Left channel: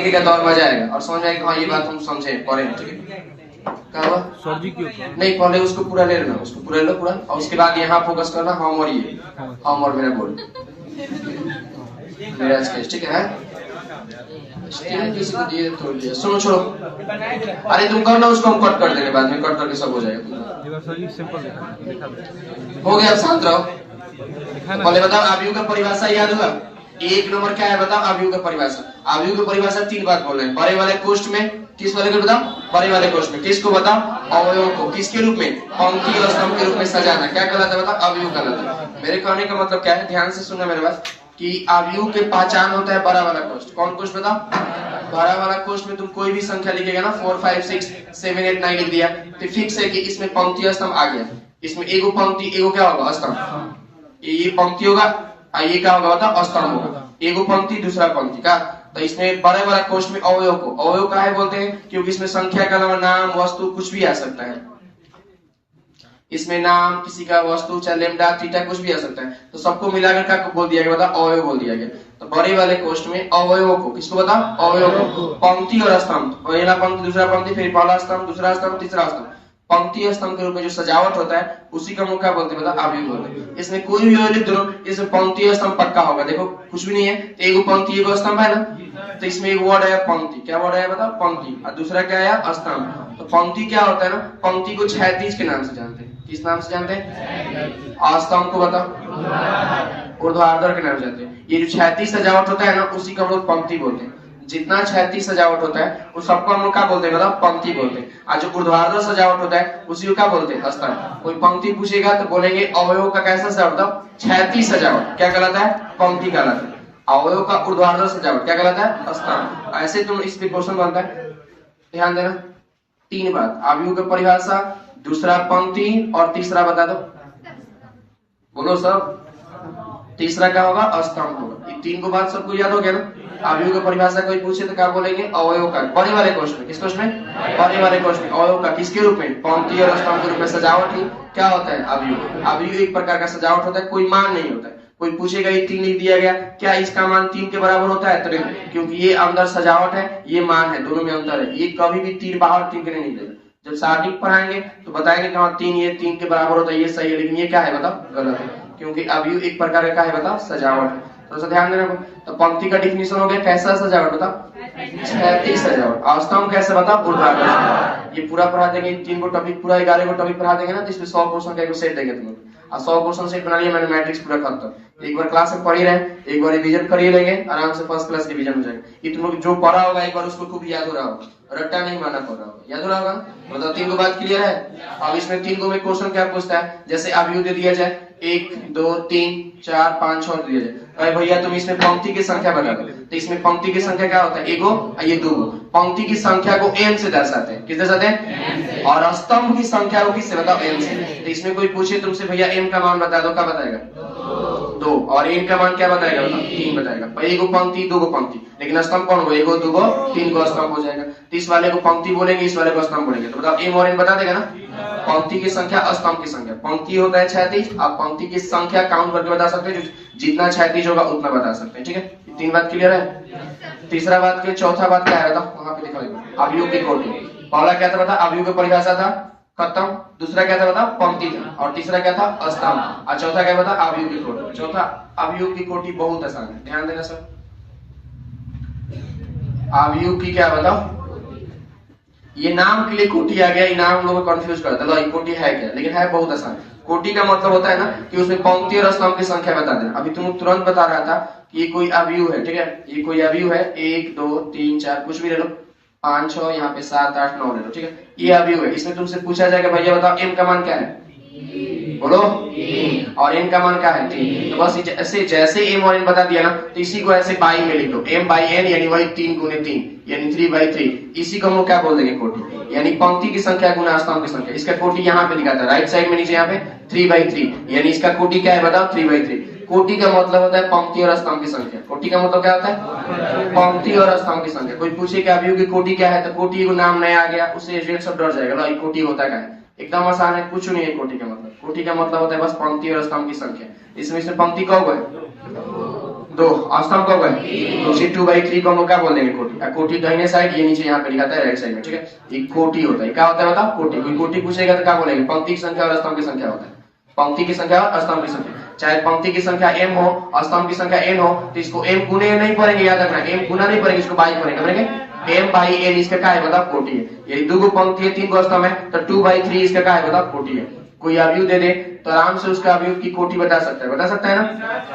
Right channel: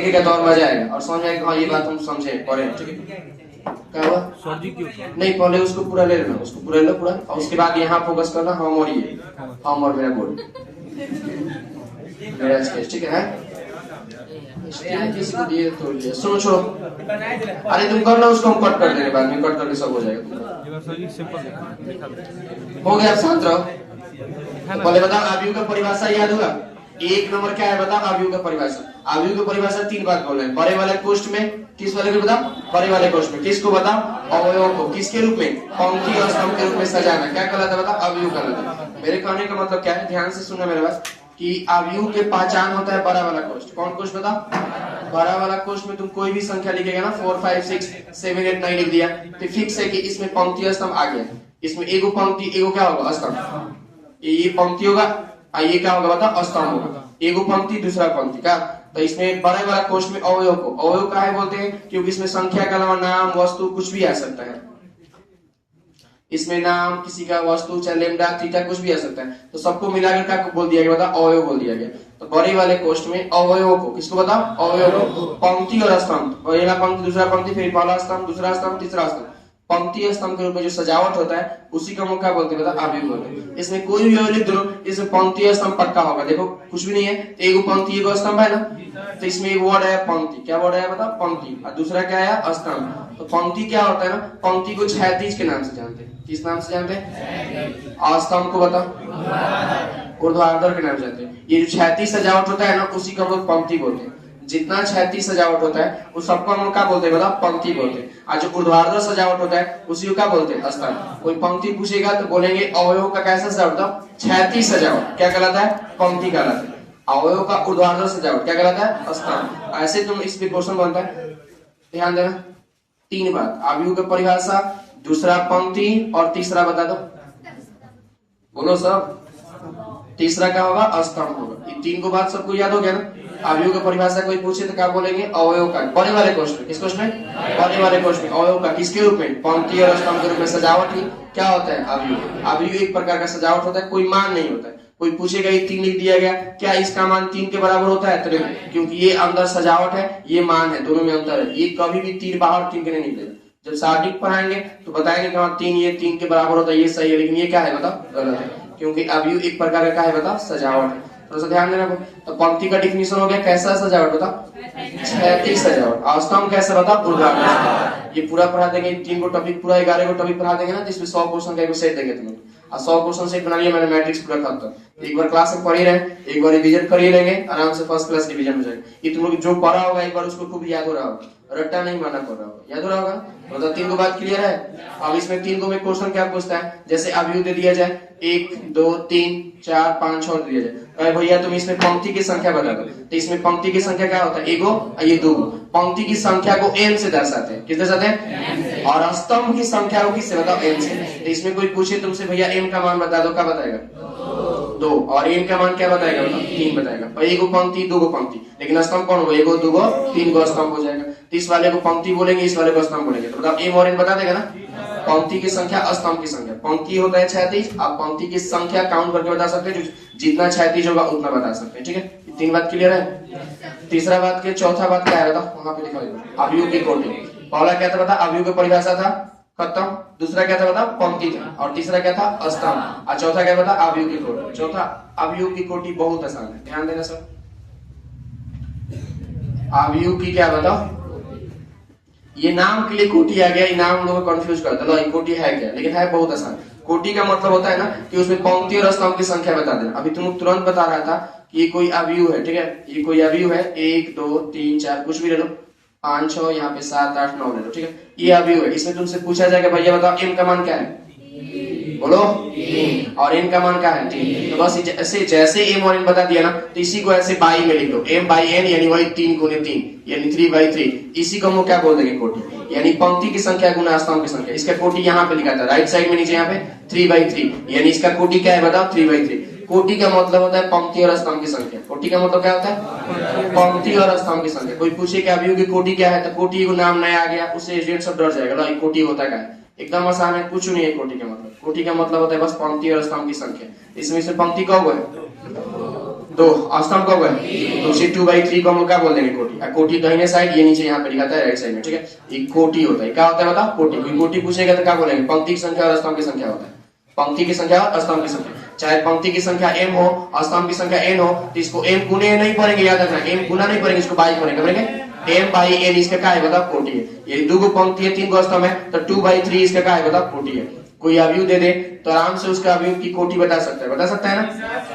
का दौर मजा आएगा और समझ आएगा हाँ ये बात हम समझे पढ़े। ठीक है, क्या हुआ सर जी क्यों? नहीं, पहले उसको पूरा ले लेना, उसको पूरा लो पूरा, और उसके बाद यहाँ फोकस करना हम और ये, हम और मेरा बोल, मेरा स्केच। ठीक है, किसी को दिए थोड़ी दिया, सुनो छोड़ो, अरे तुम करना, उसको हम कट कर देंगे बाद में, कट करके सब हो जाएगा। सर जी सिंपल दिखा हो गया, शांत रहो। पहले बताओ आव्यूह का परिभाषा याद हुआ? एक नंबर क्या है बताओ आव्यूह का परिभाषा? आव्यूह की परिभाषा 3 बात बोल रहे हैं। बड़े वाले कोष्ठ में, किस वाले को बताओ? बड़े वाले कोष्ठ में। किसको बताओ? अवयव को। किसके रूप में? पंक्ति और स्तंभ के रूप में सजाना। क्या कहलाता है बताओ? आव्यूह कहलाता है। मेरे कहने का मतलब क्या है, ध्यान से सुनना मेरे बात, कि आव्यूह के पहचान होता है बड़ा वाला कोष्ठ। कौन कोष्ठ बताओ? बड़ा वाला कोष्ठ में तुम कोई भी संख्या लिखेगा ना, 4 5 6 7 8 9 लिख दिया तो फिक्स है कि इसमें पंक्ति और स्तंभ आ गया। इसमें एगो पंक्ति, एगो क्या होगा? स्तंभ। ये पंक्ति होगा, ये क्या होगा बताओ? स्तंभ होगा। एगो पंक्ति दूसरा पंक्ति का। तो इसमें बड़े वाला कोष्ठ में अवयव को, अवयव का है बोलते हैं क्योंकि इसमें संख्या के अलावा नाम, वस्तु कुछ भी आ सकता है। इसमें नाम, किसी का वस्तु, चाहे लेमडा थीटा कुछ भी आ सकता है। तो सबको मिलाकर क्या बोल दिया गया बताओ? अवयव बोल दिया गया। तो बड़े वाले कोष्ठ में अवयव को, किसको बताओ? अवयव को, पंक्ति और स्तंभ, पहला पंक्ति दूसरा पंक्ति, फिर पहला स्तंभ दूसरा स्तंभ तीसरा स्तंभ, पंक्ति और स्तंभ के रूप में जो सजावट होता है उसी का मुख्य बोलते हैं बताओ? आव्यूह बोलते हैं। इसमें कोई भी लिख दो, इसमें पंक्ति और स्तंभ पक्का होगा। देखो कुछ भी नहीं है, एगो पंक्ति एगो स्तंभ है ना, तो इसमें एक वर्ड है पंक्ति। क्या वर्ड है बताओ? पंक्ति। और दूसरा क्या है? स्तंभ। तो पंक्ति क्या होता है ना, पंक्ति को क्षैतिज के नाम से जानते हैं। किस नाम से जानते हैं? स्तंभ को बताओ? ऊर्ध्वाधर के नाम से जानते हैं। ये जो क्षैतिज सजावट होता है ना, उसी को हम लोग पंक्ति बोलते हैं। जितना क्षैतिज सजावट होता है उस सबको हम लोग क्या बोलते हैं बताओ? पंक्ति बोलते हैं। और जो ऊर्ध्वाधर सजावट होता है उसी को क्या बोलते हैं? स्तंभ। कोई पंक्ति पूछेगा तो बोलेंगे अवयव का कैसा सजावट? क्षैतिज सजावट क्या कहलाता है? पंक्ति कहलाता है। अवयव का ऊर्ध्वाधर सजावट क्या कहलाता है? स्तंभ। ऐसे तुम इस पे क्वेश्चन बनता है, ध्यान देना। 3 बात, आव्यूह की परिभाषा, दूसरा पंक्ति, और तीसरा बता दो, बोलो सब। तीसरा क्या होगा? स्तंभ होगा। ये 3 को बात सबको याद हो गया ना? आव्यूह की परिभाषा कोई पूछे तो क्या बोलेंगे? अवयव का। बड़े वाले कोष्ठ में, किस कोष्ठ में? बड़े वाले कोष्ठ में अवयव का। किसके रूप में? पंक्ति और स्तंभ के रूप में सजावट ही क्या होता है? आव्यूह। आव्यूह एक प्रकार का सजावट होता है, कोई मान नहीं होता है। कोई पूछेगा ये 3 लिख दिया गया, क्या इसका मान 3 के बराबर होता है? तो नहीं, क्योंकि ये अंदर सजावट है, ये मान है, दोनों में अंतर है। ये कभी भी 3 बाहर 3 के नहीं निकलेगा। जब शारीरिक पढ़ाएंगे तो बताएंगे कि 3 ये 3 के बराबर होता है, ये सही है, लेकिन ये क्या है बताओ? गलत है, क्योंकि आव्यूह एक प्रकार का क्या है बताओ? सजावट है। तो ध्यान देना। तो पंक्ति का डिफिनेशन हो गया, कैसा सजावट बताओ? क्षैतिज सजावट। और स्तंभ कैसा बताओ? ऊर्ध्वाधर। ये पूरा पढ़ा देंगे, 3 को टॉपिक, पूरा 11 को टॉपिक पढ़ा देंगे ना, जिसमें 100 क्वेश्चन का एक सेट देंगे तुम लोग। और 100 क्वेश्चन सेट बना लिया मैंने, मैट्रिक्स पूरा खत्म। एक बार क्लास में पढ़ी रहे, एक बार रिवीजन करिए लेंगे, आराम से फर्स्ट क्लास डिवीजन हो जाएगा। ये तुम लोग जो पढ़ा होगा एक बार उसको खूब याद हो रहा होगा, रट्टा नहीं मारना पड़ रहा होगा, याद हो रहा होगा। मतलब 3 को बात क्लियर है। अब इसमें 3 को में क्वेश्चन क्या पूछता है, जैसे आव्यूह दे दिया जाए 1 2 3 4 5 6 दिया जाए, अरे भैया तुम इसमें पंक्ति की संख्या बता दो। तो इसमें पंक्ति की संख्या क्या होता है? एगो और ये 2। पंक्ति की संख्या को n से दर्शाते हैं। किस दर्शाते हैं? और स्तंभ की संख्या को किससे बताओ? n से। तो इसमें कोई पूछे तुमसे भैया n का मान बता दो, क्या बताएगा? 2। और n का मान क्या बताएगा बताओ? 3 बताएगा। एगो पंक्ति 2 पंक्ति, लेकिन स्तंभ कौन होगा? एगो 2 3 को स्तंभ हो जाएगा। तो इस वाले को पंक्ति बोलेंगे, इस वाले को स्तंभ बोलेंगे। तो बताओ m और n बता देगा ना? पंक्ति की संख्या, स्तंभ की संख्या। पंक्ति होता है क्षैतिज, आप पंक्ति की संख्या काउंट करके बता सकते हैं, जितना क्षैतिज होगा उतना बता सकते हैं। ठीक है, 3 बात क्लियर है। तीसरा बात के चौथा बात क्या है बताओ? वहां पे लिखा है आव्यूह की कोटि। पहला क्या था बता? आव्यूह की परिभाषा था, खत्म। दूसरा क्या था बता? पंक्ति था। और तीसरा क्या था? स्तंभ। और चौथा क्या बता? आव्यूह की कोटि। चौथा आव्यूह की कोटि बहुत आसान है, ध्यान देना सर। आव्यूह की क्या बताओ? ये नाम के लिए कोटि आ गया, ये नाम लोगों को कंफ्यूज करता है, ये कोटि है क्या? लेकिन है बहुत आसान। कोटि का मतलब होता है ना कि उसमें पंक्ति और स्तंभ की संख्या बता देना। अभी तुम तुरंत बता रहा था कि ये कोई आव्यूह है, ठीक है, ये कोई आव्यूह है, 1 2 3 4 कुछ भी ले लो, 5 6 यहाँ पे 7 8 9 ले लो, ठीक है, ये आव्यूह है। इसमें तुमसे पूछा जाएगा भैया बताओ m का मान क्या है? बोलो। और n का मान क्या है? 3। तो बस ऐसे जैसे m और n बता दिया ना, तो इसी को ऐसे बाई में लिख दो, m बाई n यानी वही 3 गुने 3 यानी 3 बाई 3। इसी को हम लोग क्या बोल देंगे? कोटि। यानी पंक्ति की संख्या गुना स्तंभ की संख्या। इसका कोटि यहाँ पे लिखा था राइट साइड में नीचे, यहाँ पे 3 बाई 3, यानी इसका कोटि क्या है बताओ? 3 बाई 3। कोटि का मतलब होता है पंक्ति और स्तंभ की संख्या। कोटि का मतलब क्या होता है? पंक्ति और स्तंभ की संख्या। कोई पूछे कि आव्यूह की कोटि क्या है, तो कोटि को नाम नया आ गया, उससे रेट सब डर जाएगा, ये कोटि होता क्या है? एकदम आसान है, कुछ नहीं है कोटि का मतलब। कोटि का मतलब होता है बस पंक्ति और स्तंभ की संख्या। इसमें से पंक्ति कब है? 2 अस्तंभ कब है तो उसी 2/3 को हम लोग क्या बोल देंगे कोटि। कोटि दाहिने साइड ये नीचे यहाँ पे लिखा है राइट साइड में, ठीक है। ये कोटि होता है, क्या होता है बताओ कोटि। कोई कोटि पूछेगा तो क्या बोलेंगे पंक्ति की संख्या और स्तंभ की संख्या होता है। पंक्ति की संख्या और स्तंभ की संख्या, चाहे पंक्ति की संख्या m हो स्तंभ की संख्या n हो तो इसको m गुने नहीं पड़ेंगे, याद रखना m गुना नहीं पड़ेंगे, इसको बाई पड़ेंगे m/n इसका क्या है बताओ कोटि है। यदि 2 गो पंक्ति है 3 गो स्तंभ है तो 2/3 इसका क्या है बताओ कोटि है। कोई अवयव दे दे तो आराम से उसका अवयव की कोटि बता सकता है, बता सकता है ना।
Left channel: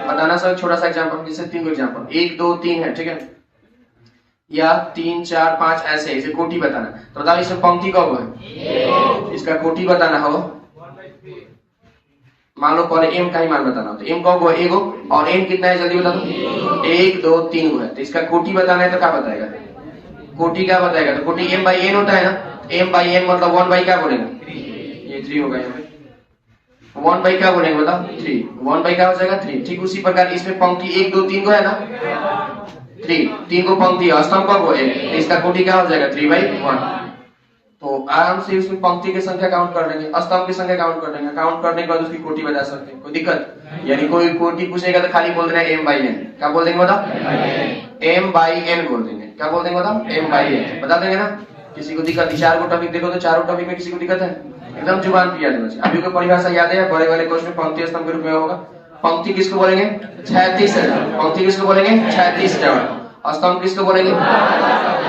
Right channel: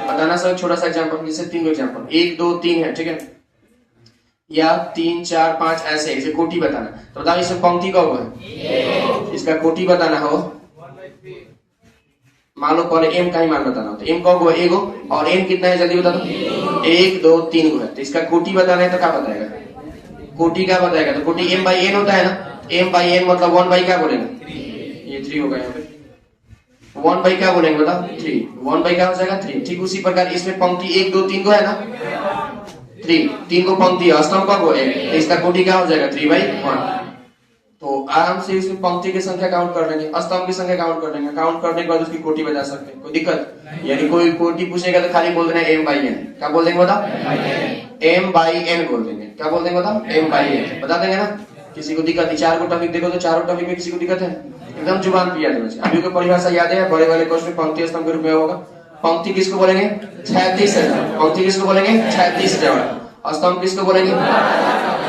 बताना सर छोटा सा एग्जांपल, जैसे 3 एग्जांपल 1 2 3 है, ठीक है, या 3 4 5 ऐसे इसे कोटि बताना। तो बताओ इसमें पंक्ति कब है, इसका कोटि बताना हो। मान लो पहले m का ही मान बताना हो तो m कब हुआ एगो और n कितना है जल्दी बता दो 1 2 3 हुआ है। तो इसका कोटि बताना है तो क्या बताएगा कोटि क्या बताएगा, तो कोटि m/n होता है ना। m/n मतलब 1 क्या बोलेंगे, ये 3 होगा यहाँ पे 1 क्या बोलेंगे बताओ 3, 1 क्या हो जाएगा 3। ठीक उसी प्रकार इसमें पंक्ति 1 2 3 को है ना 3 को पंक्ति है, स्तंभ कब हो 1, तो इसका कोटि क्या हो जाएगा 3/1। तो आराम से इसमें पंक्ति की संख्या काउंट कर देंगे, स्तंभ की संख्या काउंट कर देंगे, काउंट करने के बाद उसकी कोटि बता सकते हैं, कोई दिक्कत। यानी कोई कोटि पूछेगा तो खाली बोल देना m/n, क्या बोल देंगे बताओ m/n बोल देंगे, क्या बोल देंगे बताओ m/n बता देंगे ना। किसी को दिक्कत 4 गो टॉपिक देखो तो 4 टॉपिक में किसी को दिक्कत है, एकदम जुबान पे याद होना चाहिए। अभी को परिभाषा याद है, बड़े वाले क्वेश्चन में पंक्ति स्तंभ के रूप में होगा। पंक्ति किसको बोलेंगे क्षैतिज, पंक्ति किसको बोलेंगे क्षैतिज सजावट, स्तंभ किसको बोलेंगे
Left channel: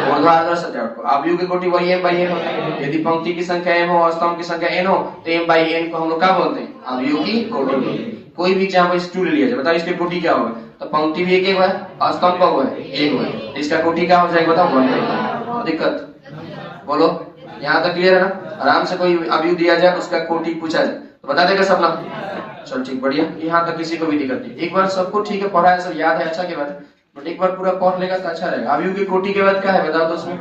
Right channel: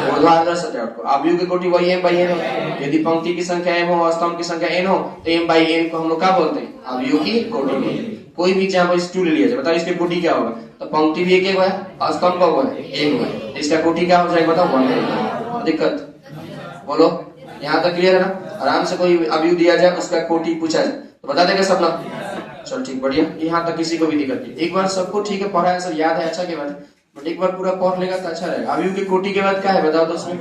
ऊर्ध्वाधर सजावट को। अवयव की कोटि वही m/n हो। यदि पंक्ति की संख्या m हो, स्तंभ की संख्या n हो तो m/n को हम लोग क्या बोलते हैं अवयव की कोटि। कोई भी एग्जांपल इस 2 ले लिया जाए, बताओ इसकी कोटि क्या होगा, तो पंक्ति भी एक है, स्तंभ का हुआ है एक हुआ है, इसका कोटि क्या हो जाएगा बताओ 1। दिक्कत बोलो, यहाँ तक क्लियर है ना। आराम से कोई अवयव दिया जाए उसका कोटि पूछा जाए तो बता देगा सब ना। चलो ठीक बढ़िया, यहाँ तक किसी को भी दिक्कत नहीं। एक बार सबको ठीक है पढ़ा है सब याद है, अच्छा के बाद बट एक बार पूरा पढ़ लेगा तो अच्छा रहेगा। अवयव की कोटि के बाद क्या है बताओ, तो उसमें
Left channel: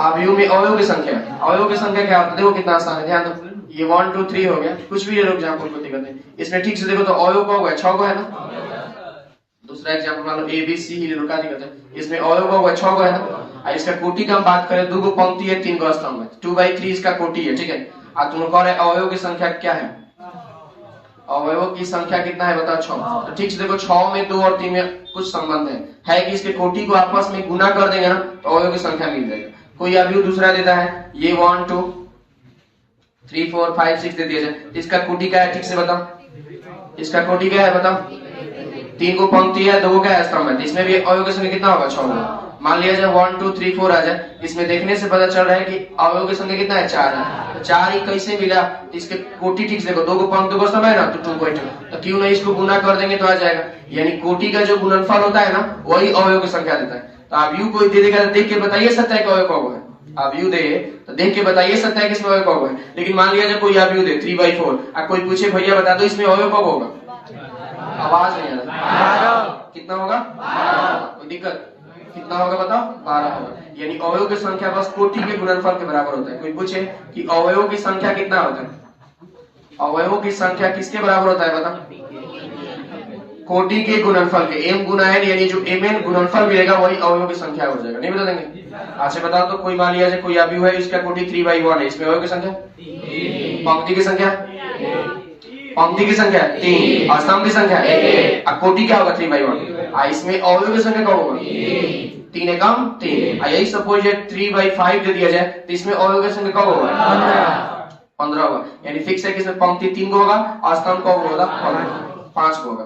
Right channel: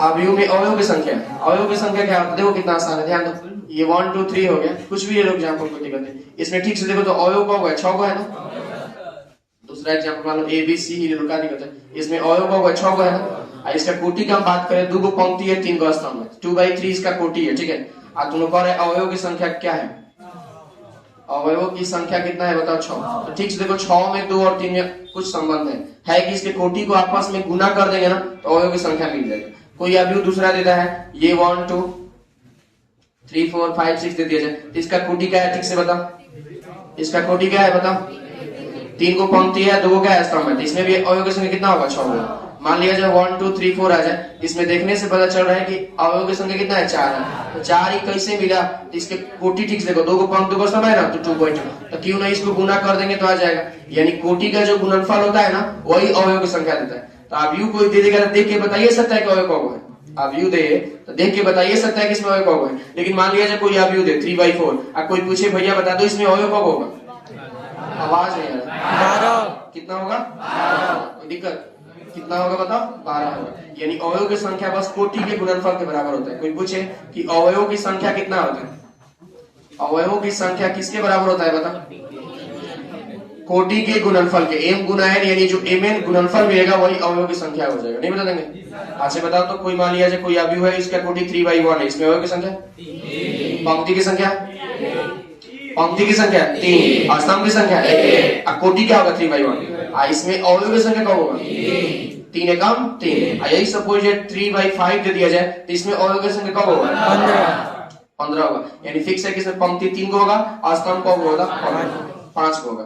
अवयव में अवयव की संख्या, अवयव की संख्या क्या होता है देखो कितना आसान है, ध्यान दो। ये 1 2 3 हो गया, कुछ भी ले लो एग्जांपल को दिक्कत नहीं। इसमें ठीक से देखो तो अवयव का होगा 6 को है ना। दूसरा एग्जांपल मान लो ABC ही ले लो, क्या दिक्कत है, इसमें अवयव का होगा 6 को है ना। इसका कोटि की हम बात करें 2 गो पंक्ति है 3 गो स्तंभ है, 2/3 इसका कोटि है, ठीक है। अब तुम लोग कह रहे अवयव की संख्या क्या है, अवयव की संख्या कितना है बताओ 6। तो ठीक से देखो 6 में 2 और 3 में कुछ संबंध है कि इसके कोटि को आपस में गुना कर देंगे ना तो अवयव की संख्या मिल जाएगी। कोई अवयव दूसरा देता है ये 1 2 3 4 5 6 दे दिया जाए, इसका कोटि क्या है ठीक से बताओ, इसका कोटि क्या है बताओ। 3 को पंक्ति है 2 क्या है स्तंभ है, इसमें भी अवयव की संख्या कितना होगा 6 होगा। मान लिया जाए 1 2 3 4 आ जाए, इसमें देखने से पता चल रहा है कि अवयव की संख्या कितना है 4 है। तो 4 ही कैसे मिला, तो इसके कोटि ठीक से देखो 2 को पंक्ति को स्तंभ है ना तो 2.2, तो क्यों नहीं इसको गुना कर देंगे तो आ जाएगा। यानी कोटि का जो गुणनफल होता है ना वही अवयव की संख्या देता है। तो अवयव कोई दे देगा देख के बताइए सकता है कि अवयव कब है, अवयव दे तो देख के बताइए सकता है कि इसमें अवयव कब है। लेकिन मान लिया जाए कोई अवयव दे 3/4, अब कोई पूछे भैया बता दो इसमें अवयव कब होगा, आवाज नहीं आ रहा, कितना होगा, कोई दिक्कत, कितना होगा बताओ 12 होगा। यानी अवयव की संख्या बस कोटि के गुणनफल के बराबर होता है। कोई पूछे कि अवयव की संख्या कितना होता है, अवयवों की संख्या किसके बराबर होता है बताओ, कोटि के गुणनफल के, m गुना n यानी जो mn गुणनफल मिलेगा वही अवयव की संख्या हो जाएगा। नहीं बता देंगे, अच्छा बताओ तो कोई मान लिया जाए कोई अवयव है इसका कोटि 3/1 है, इसमें अवयव की संख्या, पंक्ति की संख्या, पंक्ति की संख्या 3, स्तंभ की संख्या 1, अब कोटि क्या होगा 3/1, इसमें अवयव की संख्या क्या होगा 3 एकम 3। यही सपोज 3/5 दे दिया जाए तो इसमें अवयव की संख्या कब होगा 15 होगा। यानी फिक्स है कि इसमें पंक्ति 3 को होगा और स्तंभ कब होगा 5 को होगा,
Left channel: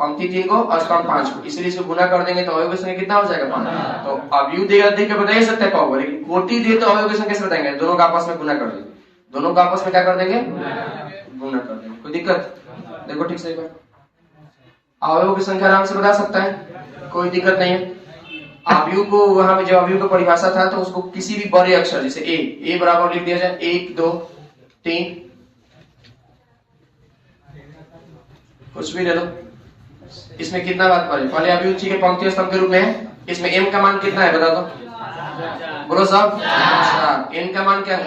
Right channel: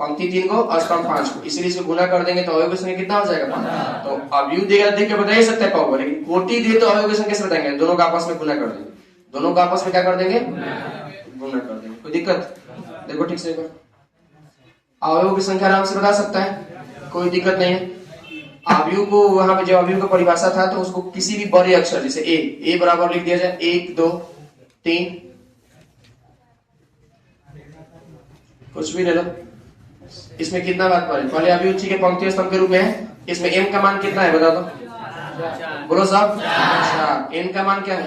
पंक्ति 3 को और स्तंभ 5 को, इसलिए इसको गुना कर देंगे तो अवयव की संख्या कितना हो जाएगा 5। तो अवयव देगा देख के बता सकते हैं कब होगा, लेकिन कोटि दे तो अवयव की संख्या से बताएंगे, दोनों का आपस में गुना कर देंगे, दोनों का आपस में क्या कर देंगे गुना कर देंगे। कोई दिक्कत देखो ठीक से अवयव की संख्या आराम से बता सकता है, कोई दिक्कत नहीं है। अवयव को वहां पे जो अवयव का परिभाषा था तो उसको किसी भी बड़े अक्षर जैसे ए बराबर लिख दिया जाए 1 2 3 कुछ भी ले लो। इसमें कितना बात पड़े, पहले अवयव के पंक्ति स्तंभ के रूप में है, इसमें m का मान कितना है बता दो, बोलो सब, n का मान क्या है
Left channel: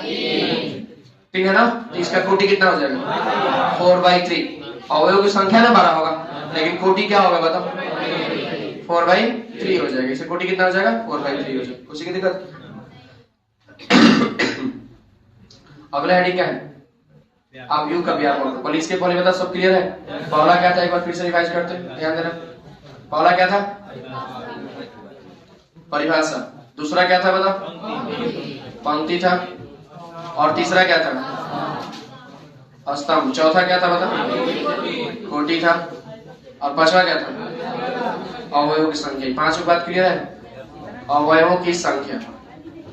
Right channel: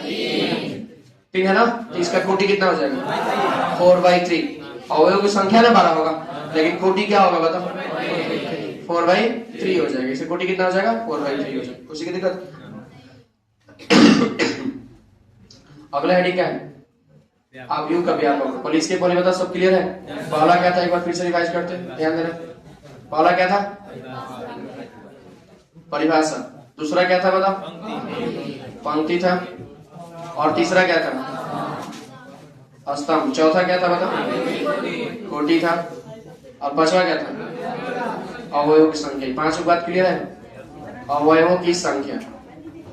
3 है ना, तो इसका कोटि कितना हो जाएगा 4/3। अवयव की संख्या ना 12 होगा लेकिन कोटि क्या होगा बताओ 4/3 हो जाएगा, इससे कोटि कितना हो जाएगा 4/3 हो जाएगा। उसी की दिक्कत। अगला हेडिंग क्या है, अवयव का व्यापक। पहले इसके पहले बता सब क्लियर है, पहला क्या था एक बार फिर से रिवाइज करते हैं, ध्यान देना। पहला क्या था? परिभाषा। दूसरा क्या था बताओ? पंक्ति था। और तीसरा क्या था? स्तंभ। चौथा क्या था बताओ? कोटि था। और पांचवा क्या था? अवयवों की संख्या। पांचों बात क्लियर है? अवयवों की संख्या।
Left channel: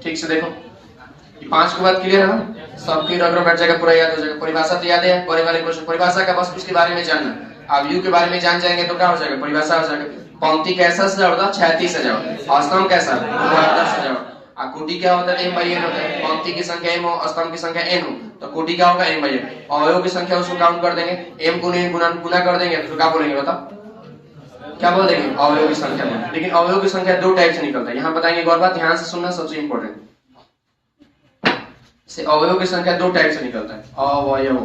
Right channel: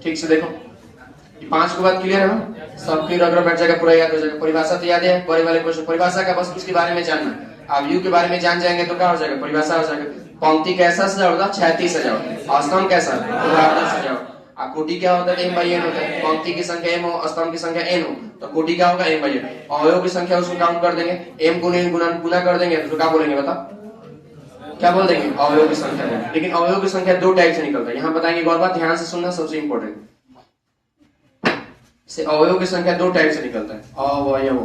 ठीक से देखो, ये पांच की बात क्लियर है ना? सबकी रगड़ बैठ जाएगा, पूरा याद हो जाएगा। परिभाषा तो याद है, बड़े वाले क्वेश्चन। परिभाषा का बस उसके बारे में जानना। अवयव के बारे में जान जाएंगे तो क्या हो जाएगा? परिभाषा हो जाएगा। पंक्ति कैसा सजाओ होता? 36 सजाओ। स्तंभ कैसा? सजाओ। कोटि क्या होता है? m by n होता है। पंक्ति की संख्या m हो, स्तंभ की संख्या n हो, तो कोटि क्या होगा? m by n। अवयव की संख्या उसको काउंट कर देंगे, m गुना कर देंगे, तो क्या बोलेंगे बताओ? क्या बोल देंगे? अवयव की संख्या देंगे। लेकिन अवयव की संख्या दो टाइप से निकलता है। यहाँ बताएंगे एक और बात, ध्यान से सुनना, सबसे इंपॉर्टेंट। से अवयव की संख्या दो टाइप से निकलता है। अवयव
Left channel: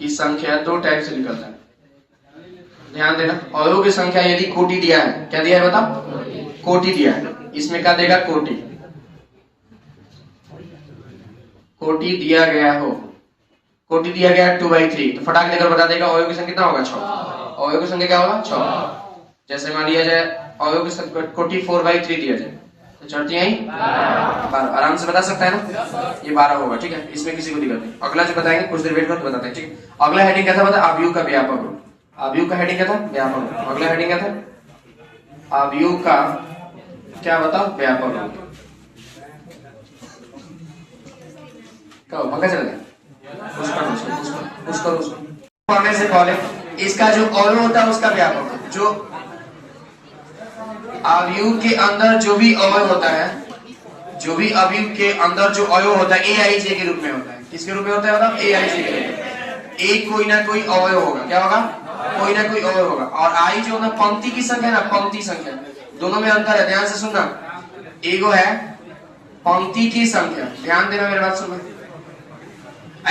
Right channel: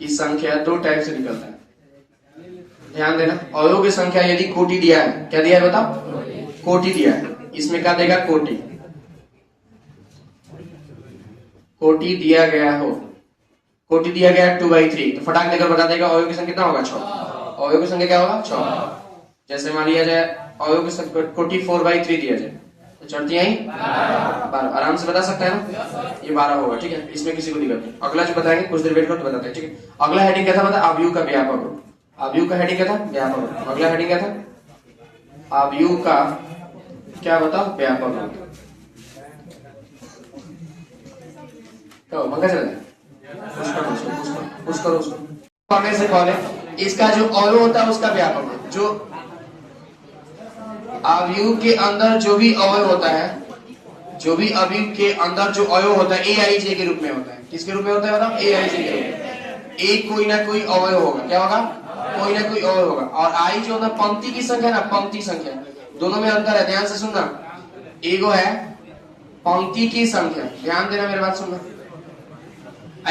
की संख्या दो टाइप से निकलता है, ध्यान देना। अवयव की संख्या यदि कोटि दिया है, क्या दिया है बताओ? कोटि दिया है, इसमें क्या देगा? कोटि। कोटि दिया गया हो, कोटि दिया गया 2/3, तो फटाक देकर बता देगा अवयव की संख्या कितना होगा? 6। अवयव की संख्या क्या होगा? 6। जैसे मान लिया जाए अवयव की संख्या कोटि 4/3 दिया जाए, तो चलती यही 12। आराम से बता सकता है ना? ये 12 होगा, ठीक है, इसमें किसी को दिक्कत नहीं। अगला जो बताएंगे कुछ देर वेट करो तो बताते हैं, ठीक है। अगला हेडिंग क्या था बता? अवयव का व्यापक रूप। अवयव का हेडिंग क्या था? व्यापक रूप। अगला हेडिंग क्या था? अवयव का क्या बता? व्यापक रूप। कहो पता चला? उसको पढ़ने से पहले इसका जो अवयव होता है उसका व्यापक रूप। जो अवयव के अंदर जो भी अवयव होता है, जो भी अवयव के अंदर जो अवयव होता है AIJ के रूप में होता है। किसके रूप में होता है बताओ? AIJ के रूप में। एक कोई ना कोई अवयव होगा, क्या होगा? कोई ना कोई अवयव होगा। और आई जो ना पंक्ति की संख्या ना, पंक्ति संख्या, दोनों में अंतर है, ध्यान से सुनना। एगो है पंक्ति की संख्या, ध्यान देना, मेरी बात सुनना।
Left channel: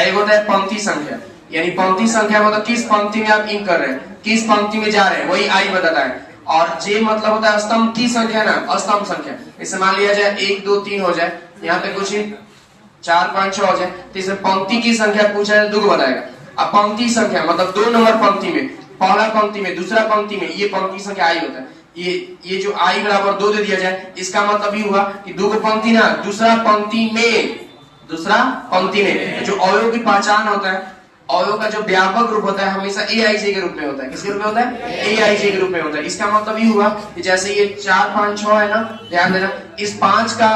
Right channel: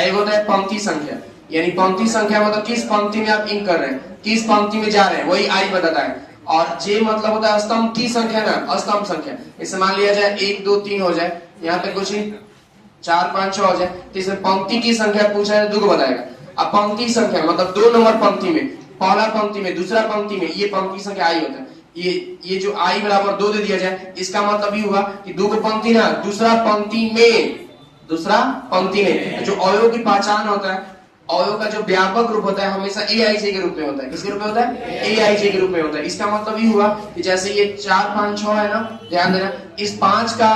एक होता है पंक्ति संख्या, यानी पंक्ति संख्या मतलब किस पंक्ति में आप इंक कर रहे हैं, किस पंक्ति में जा रहे हैं, वही आई बताता है। और जे मतलब होता है स्तंभ की संख्या ना, स्तंभ संख्या। इसे मान लिया जाए 1 2 3 हो जाए, यहाँ पे कुछ 4 5 6 हो जाए, तो इसमें पंक्ति की संख्या पूछा है, दुगो बताएगा। अब पंक्ति संख्या मतलब 2 नंबर पंक्ति में, पहला पंक्ति में, दूसरा पंक्ति में, ये पंक्ति संख्या आई होता है। ये जो आई बराबर 2 दे दिया जाए, इसका मतलब ये हुआ कि दो पंक्ति ना, दूसरा पंक्ति में जो अवयव की पहचान होता है, अवयव का जो व्यापक रूप होता है हमेशा AIJ के रूप में होता है। किसके रूप में होता है? AIJ के रूप में होता है। इसका मतलब ये हुआ कि जैसे ये 4 5 6 है ना, ध्यान देना, इस 5 का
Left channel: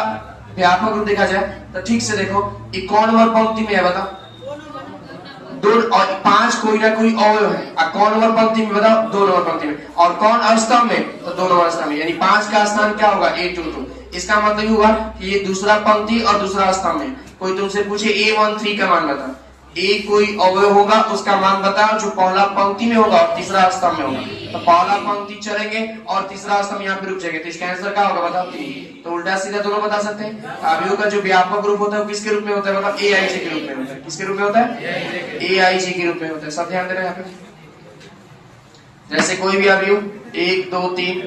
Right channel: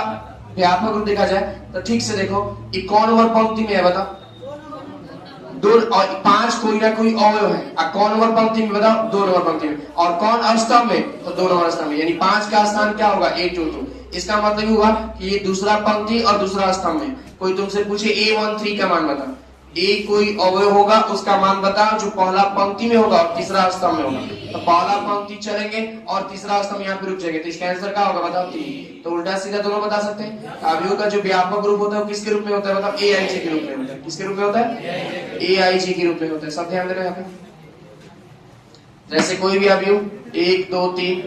व्यापक रूप देखा जाए तो ठीक से देखो, ये कौन नंबर पंक्ति में है बताओ? 2 और 5 कोई ना कोई अवयव है। अब कौन नंबर पंक्ति में बताओ? 2 नंबर पंक्ति में। और कौन स्तंभ में? तो 2 नंबर स्तंभ में, यानी 5 का स्थान क्या होगा? A22। इसका मतलब ये हुआ कि ये दूसरा पंक्ति और दूसरा स्तंभ में। कोई तुमसे पूछे A13 का मान बता, एक कोई अवयव होगा उसका मान बताओ जो पहला पंक्ति में होगा और तीसरा स्तंभ में होगा। तो पहला पंक्ति चलेंगे और तीसरा स्तंभ यहाँ पे रुक जाएंगे, तो इसका आंसर क्या होगा बताओ? 3। तो उल्टा सीधा दोनों बता सकते हैं। अवयव का जो व्यापक रूप होता है वो किसके रूप में होता है बताओ? AIJ के रूप में होता है। किसके रूप में होता है? AIJ के रूप में होता है। सब ध्यान देना यहाँ पे। जैसे कोई भी अवयव 1 2 3,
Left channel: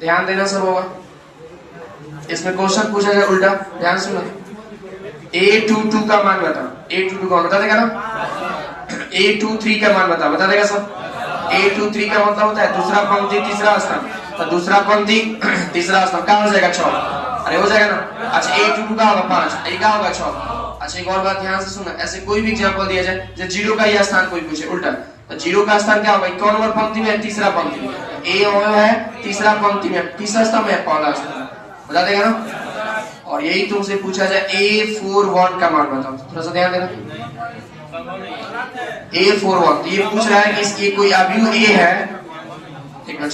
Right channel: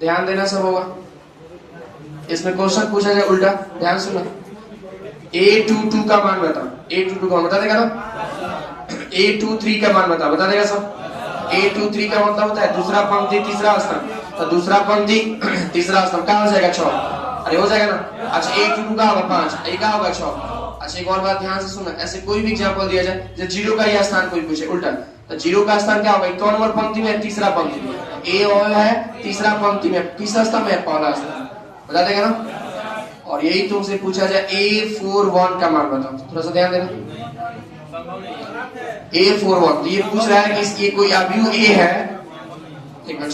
ध्यान देना सब होगा। इसमें क्वेश्चन पूछा जाए उल्टा, ध्यान सुनो। A22 का मान बताओ। A22 का मान बता देगा ना? A23 का मान बता देगा सब। A23 का मतलब होता है दूसरा पंक्ति तीसरा स्तंभ, तो दूसरा पंक्ति तीसरा स्तंभ कहाँ हो जाएगा? 6। अरे हो जाएगा ना? अच्छा A22 का होगा 5, A का होगा 6। अच्छा एक और बात ध्यान से सुना, ऐसे कोई भी एग्जांपल दिया जाए, जब 0 का यह स्थान कोई पूछे उल्टा, तो 0 का स्थान क्या होगा? कौन नंबर पंक्ति में? तीसरा पंक्ति में। A अवयव है तीसरा पंक्ति में, तीसरा स्तंभ है पहला स्तंभ, बता देगा ना? और यही तुमसे पूछा जाए A41 का मान बताओ, थोड़ा सा ध्यान देना। A41 ये पूछ रहा है कि इसकी कोई अवयव A है, ठीक है,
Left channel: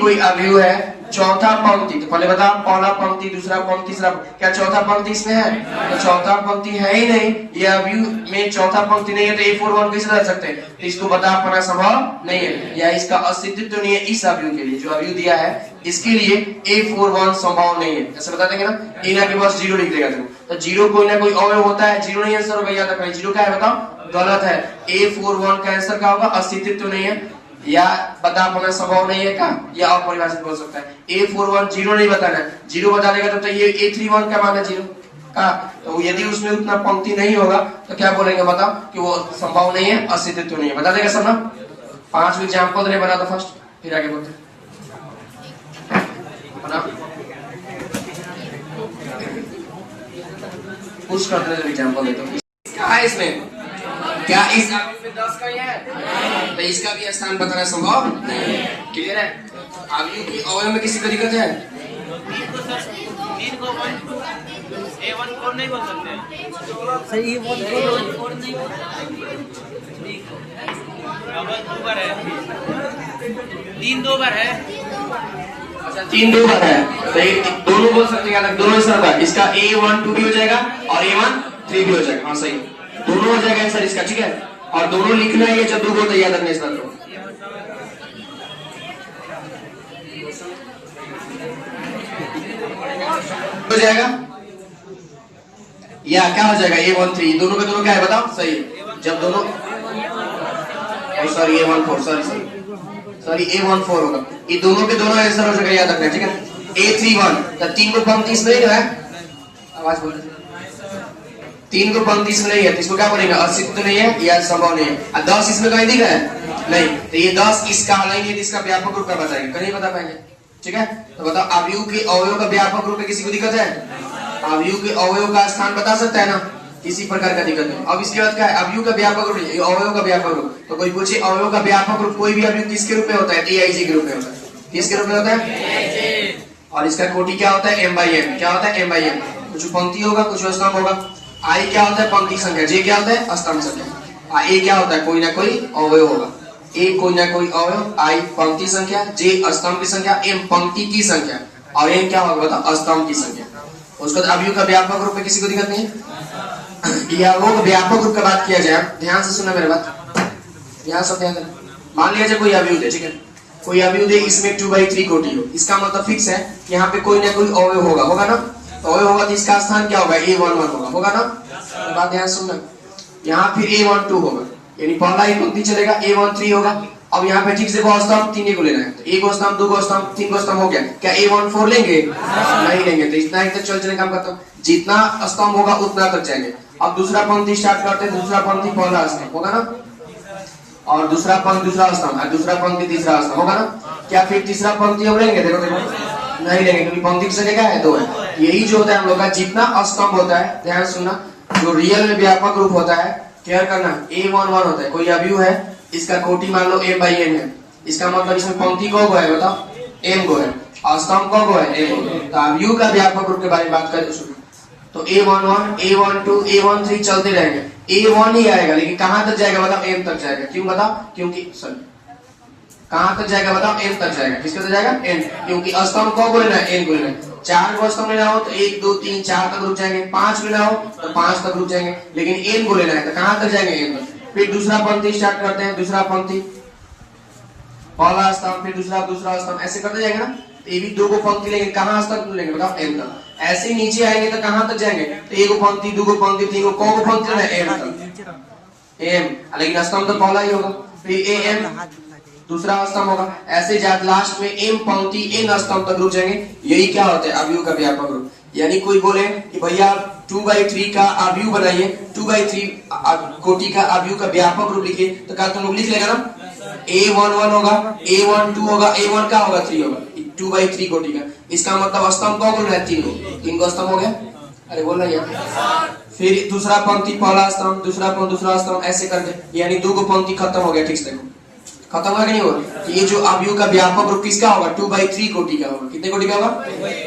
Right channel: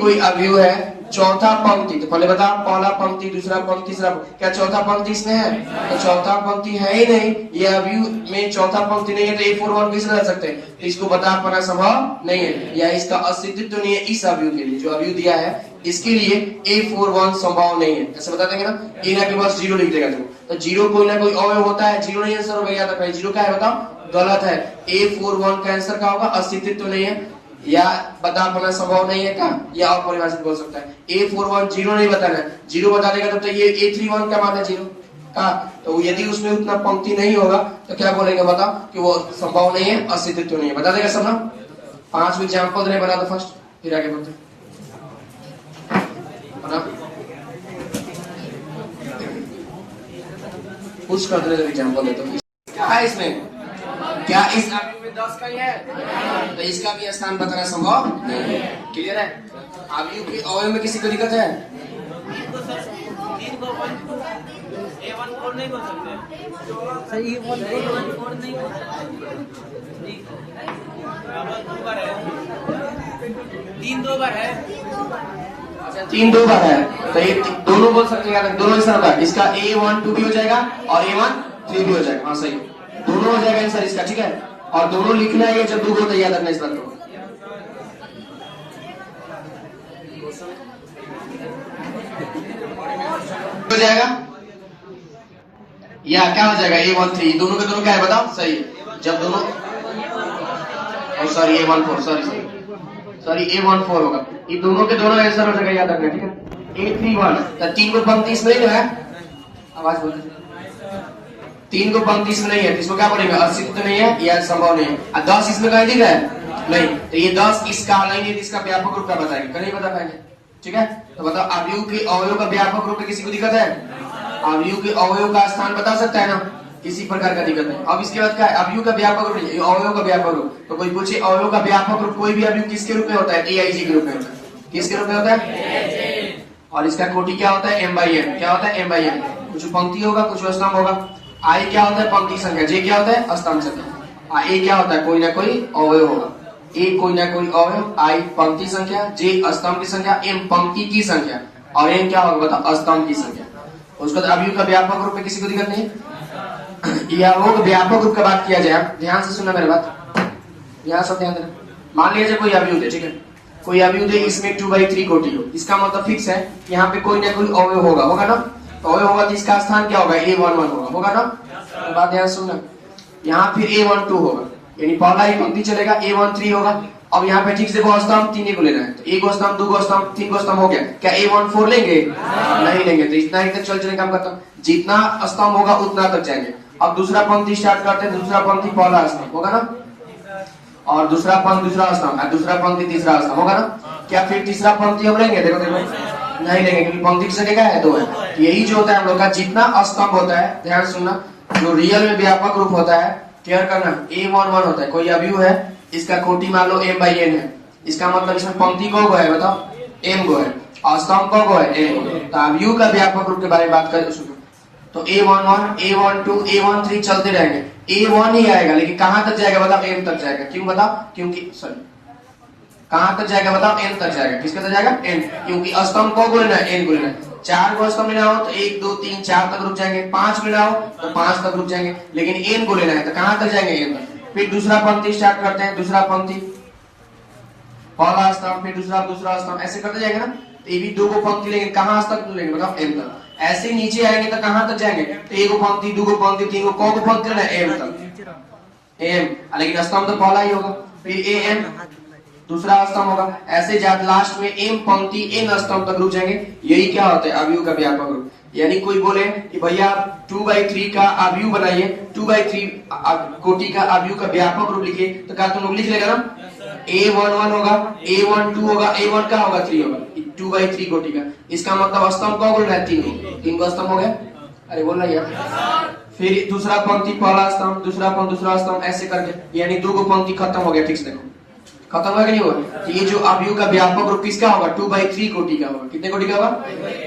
कोई अवयव है, चौथा पंक्ति, तो पहले बता, पहला पंक्ति दूसरा पंक्ति तीसरा, क्या चौथा पंक्ति इसमें है? तो चौथा पंक्ति है ही नहीं, ये अवयव में चौथा पंक्ति नहीं है, तो A41 कैसे रह सकते हैं? तो इसको बता पाना संभव नहीं है, या इसका अस्तित्व नहीं है। इस अवयव के लिए जो अवयव दिया है इसके लिए A41 संभव नहीं है, ऐसे बता देंगे ना। यहाँ पे बस 0 लिख देगा तुम, तो 0 कोई ना कोई अवयव होता है, 0 नहीं आंसर होगा, याद रखना। 0 क्या है बताओ? गलत है। A41 का आंसर क्या होगा? अस्तित्व नहीं है, या बता पाना संभव नहीं है का, या अपरिभाषित बोल सकता है। A41 0 नहीं बताना है, 0 बता देगा तो ये A31 का मान है 0 का, तो यदि उसमें उतना पंक्ति नहीं होगा तो क्या बोलेंगे बताओ? कि वो संभव नहीं है, अस्तित्व नहीं है, बता देगा सब ना। 5 एग्जाम्पल ने बना दो फर्स्ट, फिर आगे बोलते बना पुश करते हैं। एग्जाम्पल देते हो क्या है इसमें, क्या इस आव्यूह में 10 का ही है, तो इसका भी स्थान बताना संभव क्लियर है। आव्यूह के अवयव में किसी को दिक्कत है? A14 नहीं बोल सकते, सही है बोल डबल 2 बार है, 3 2 बार है, अच्छा 3 2 बार है, तो ये दोनों बोल सकते हैं, दोनों सर का इसका A1 2 भी हो जाएगा और A1 3 भी हो जाएगा। हाँ सही, दोनों हो जाएगा आंसर इसका, ठीक है। और दोनों लिखना है, जब दो तो याद रखना इस बात को। हो जाएगा या क्या हो जाएगा A1 3, दोनों के दोनों क्या है बताओ सही। जब दोनों सॉरी A1 4 सॉरी A1 4 होगा, ये दोनों के दोनों आंसर हो जाएगा, याद रखना ठीक है। A31 तो 3 को पंक्ति इसमें नहीं है, आवाज बोल 3 को पंक्ति इसमें नहीं है, तो इसको क्या बोलेंगे, अस्तित्व नहीं है या संभव नहीं है। 10 इसमें कहीं दिख रहा है नहीं, तो ये 10 इसका लेंगे, इसका व्यापक रूप का बताएंगे, कहीं बता पाएंगे ठीक है। तो बताओ आव्यूह के अवयव का व्यापक रूप में किसी को दिक्कत है? आव्यूह के अवयव का स्थान बता सकता है ना, किसी प्रकार का दिक्कत नहीं। अब इसके बाद क्या है, आव्यूह का व्यापक रूप, अवयव का व्यापक रूप। तो कोई पूछे अवयव का व्यापक रूप, कोई भी आव्यूह किसके रूप में होता है? AIJ के रूप में होता है। किसके रूप में होता है? और इसका कोटि क्या होता है? M/N। क्या होता है? M/N। कुछ पंक्ति होगा, कुछ स्तंभ होगा। I क्या होता है? पंक्ति संख्या। J क्या होता है? स्तंभ संख्या। A क्या होता है? कोई ना कोई अवयव होगा। A कोई ना कोई अवयव, I पंक्ति संख्या, J स्तंभ की संख्या, M पंक्ति की संख्या और N क्या होगा बताओ? स्तंभ की संख्या। उसके बाद आव्यूह का व्यापक रूप में किसी को दिक्कत नहीं है। या वो व्यापक रूप की बात किया जाए, ध्यान से सुनना मेरी बात, यहाँ सब ध्यान देना। मान लिया जाए कोई आव्यूह है, ठीक है, कोई आव्यूह है, इसमें 2/3 कोटि हो, इसका मतलब फिक्स है यहाँ पे कोई ना कोई अवयव होगा, होगा ना। अवयव होगा तो इसका स्थान क्या होगा? A11 होगा, होगा ना। तो बात ध्यान सुनना, यहाँ फिर A12 होगा, यानी पहला एक पंक्ति चलेगा, A13 होगा। अब यहाँ पे ठीक से स्तंभ 3 को लेना है, तो 1 स्तंभ 2 स्तंभ 3 स्तंभ हो गया। क्या A14 लेंगे? नहीं लेंगे, तो इतना ही तक चल चले काम करता हूँ, जितना स्तंभ होगा उतना तक जाएंगे। अब दूसरा पंक्ति स्टार्ट करते हैं, दूसरा पंक्ति पहला स्तंभ होगा ना, और दूसरा पंक्ति दूसरा स्तंभ, दूसरा पंक्ति तीसरा स्तंभ होगा ना। क्या फिर तीसरा पंक्ति हम लेंगे? देखो देखो नहीं लेंगे, क्योंकि पंक्ति की जगह है 2 है। यही जो होता है हम लोग का, जितना स्तंभ होता है, ध्यान सुनना, जो रियल में व्यापक रूप होता है, केयर करना, A11 होता है। कोई आव्यूह है, इसका कोटि मान लो M/N है, इसका मतलब इसमें पंक्ति को है बताओ? M गो है, और स्तंभ को है M गो। तो आव्यूह का व्यापक रूप के बारे में बात करें तो A11, A12, A13 चलते रहेंगे, A1 ही आएगा, लेकिन कहां तक जाएगा बताओ? M तक जाएगा। क्यों बताओ? क्योंकि सॉरी कहां तक जाएगा बताओ? M तक जाएगा। किसके तक जाएगा? M, क्योंकि स्तंभ को लेना है, N को लेना है। 4 को स्तंभ लेना हो तो 1 2 3 4 तक रुक जाएंगे, 5 लेना हो तो 5 तक रुक जाएंगे, लेकिन N को लेना है तो कहां तक जाएंगे? M तक। फिर दूसरा पंक्ति स्टार्ट करते हैं, दूसरा पंक्ति पहला स्तंभ, फिर दूसरा स्तंभ, ऐसे करते जाएंगे ना। तो ये भी 2 को पंक्ति लेंगे, कहां तक लेंगे बताओ? M तक। ऐसे नीचे आएंगे तो कहां तक जाएंगे? तो 1 को पंक्ति 2 को पंक्ति 3 को पंक्ति लेना है? M तक, M, लेकिन स्तंभ तो पहला ही होगा। फिर AM दूसरा स्तंभ होगा, ऐसे जात लास्ट में M पंक्ति N स्तंभ तक रुक जाएंगे। यही क्या होता है? आव्यूह का व्यापक रूप। यानी कोई बोले कि भैया 2/3 का आव्यूह बनाइए, 2/3 कोटि का आव्यूह का व्यापक रूप लिखिए, तो क्या तुम लोग लिख लेगा ना? A11 होगा, A12 होगा, A1 का होगा 3 होगा, 2/3 कोटि का। इसका मतलब स्तंभ कौन बोल रहा है? 3 को स्तंभ हो गया। अरे बोल रहा है। फिर दूसरा पंक्ति पहला स्तंभ, दूसरा पंक्ति दूसरा स्तंभ, ऐसे करके यानी 2 को पंक्ति खत्म हो गया। ठीक से खत्म होगा नहीं होगा? ये जो आव्यूह का व्यापक रूप किसका होगा? 2/3 कोटि का होगा। कितने कोटि का होगा?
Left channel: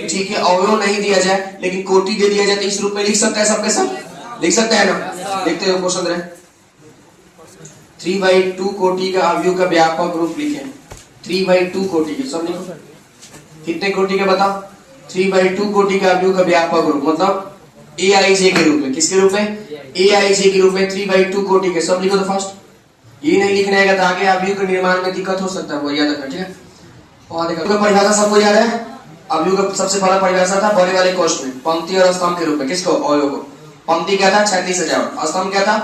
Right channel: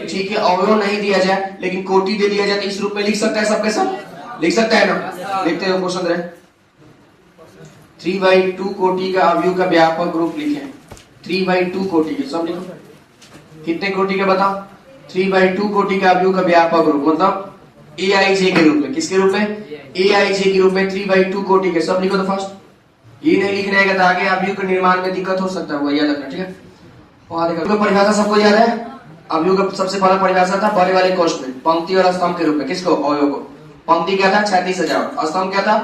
ठीक है, अवयव नहीं दिया जाए लेकिन कोटि दे दिया जाए तो इस रूप में लिख सकता है, सबके सब लिख सकता है ना। देखते हैं क्वेश्चन रहे, 3/2 कोटि का आव्यूह का व्यापक रूप लिखे। 3/2 कोटि के सब लिखो। कितने कोटि का बताओ? 3/2 कोटि का आव्यूह का व्यापक रूप मतलब AIJ के रूप में। किसके रूप में? AIJ के रूप में 3/2 कोटि के सब लिखो। तो फर्स्ट ये नहीं लिखना है तो आगे आव्यूह के निर्माण में दिक्कत हो सकता है, वो याद रखना ठीक है। और देखो परिभाषा सबको याद है। आव्यूह का सबसे पहला परिभाषा था बड़े वाले कोष्ठ में पंक्ति और स्तंभ के रूप में। किसको? अवयव को। पंक्ति क्या था? क्षैतिज सजावट। स्तंभ क्या था?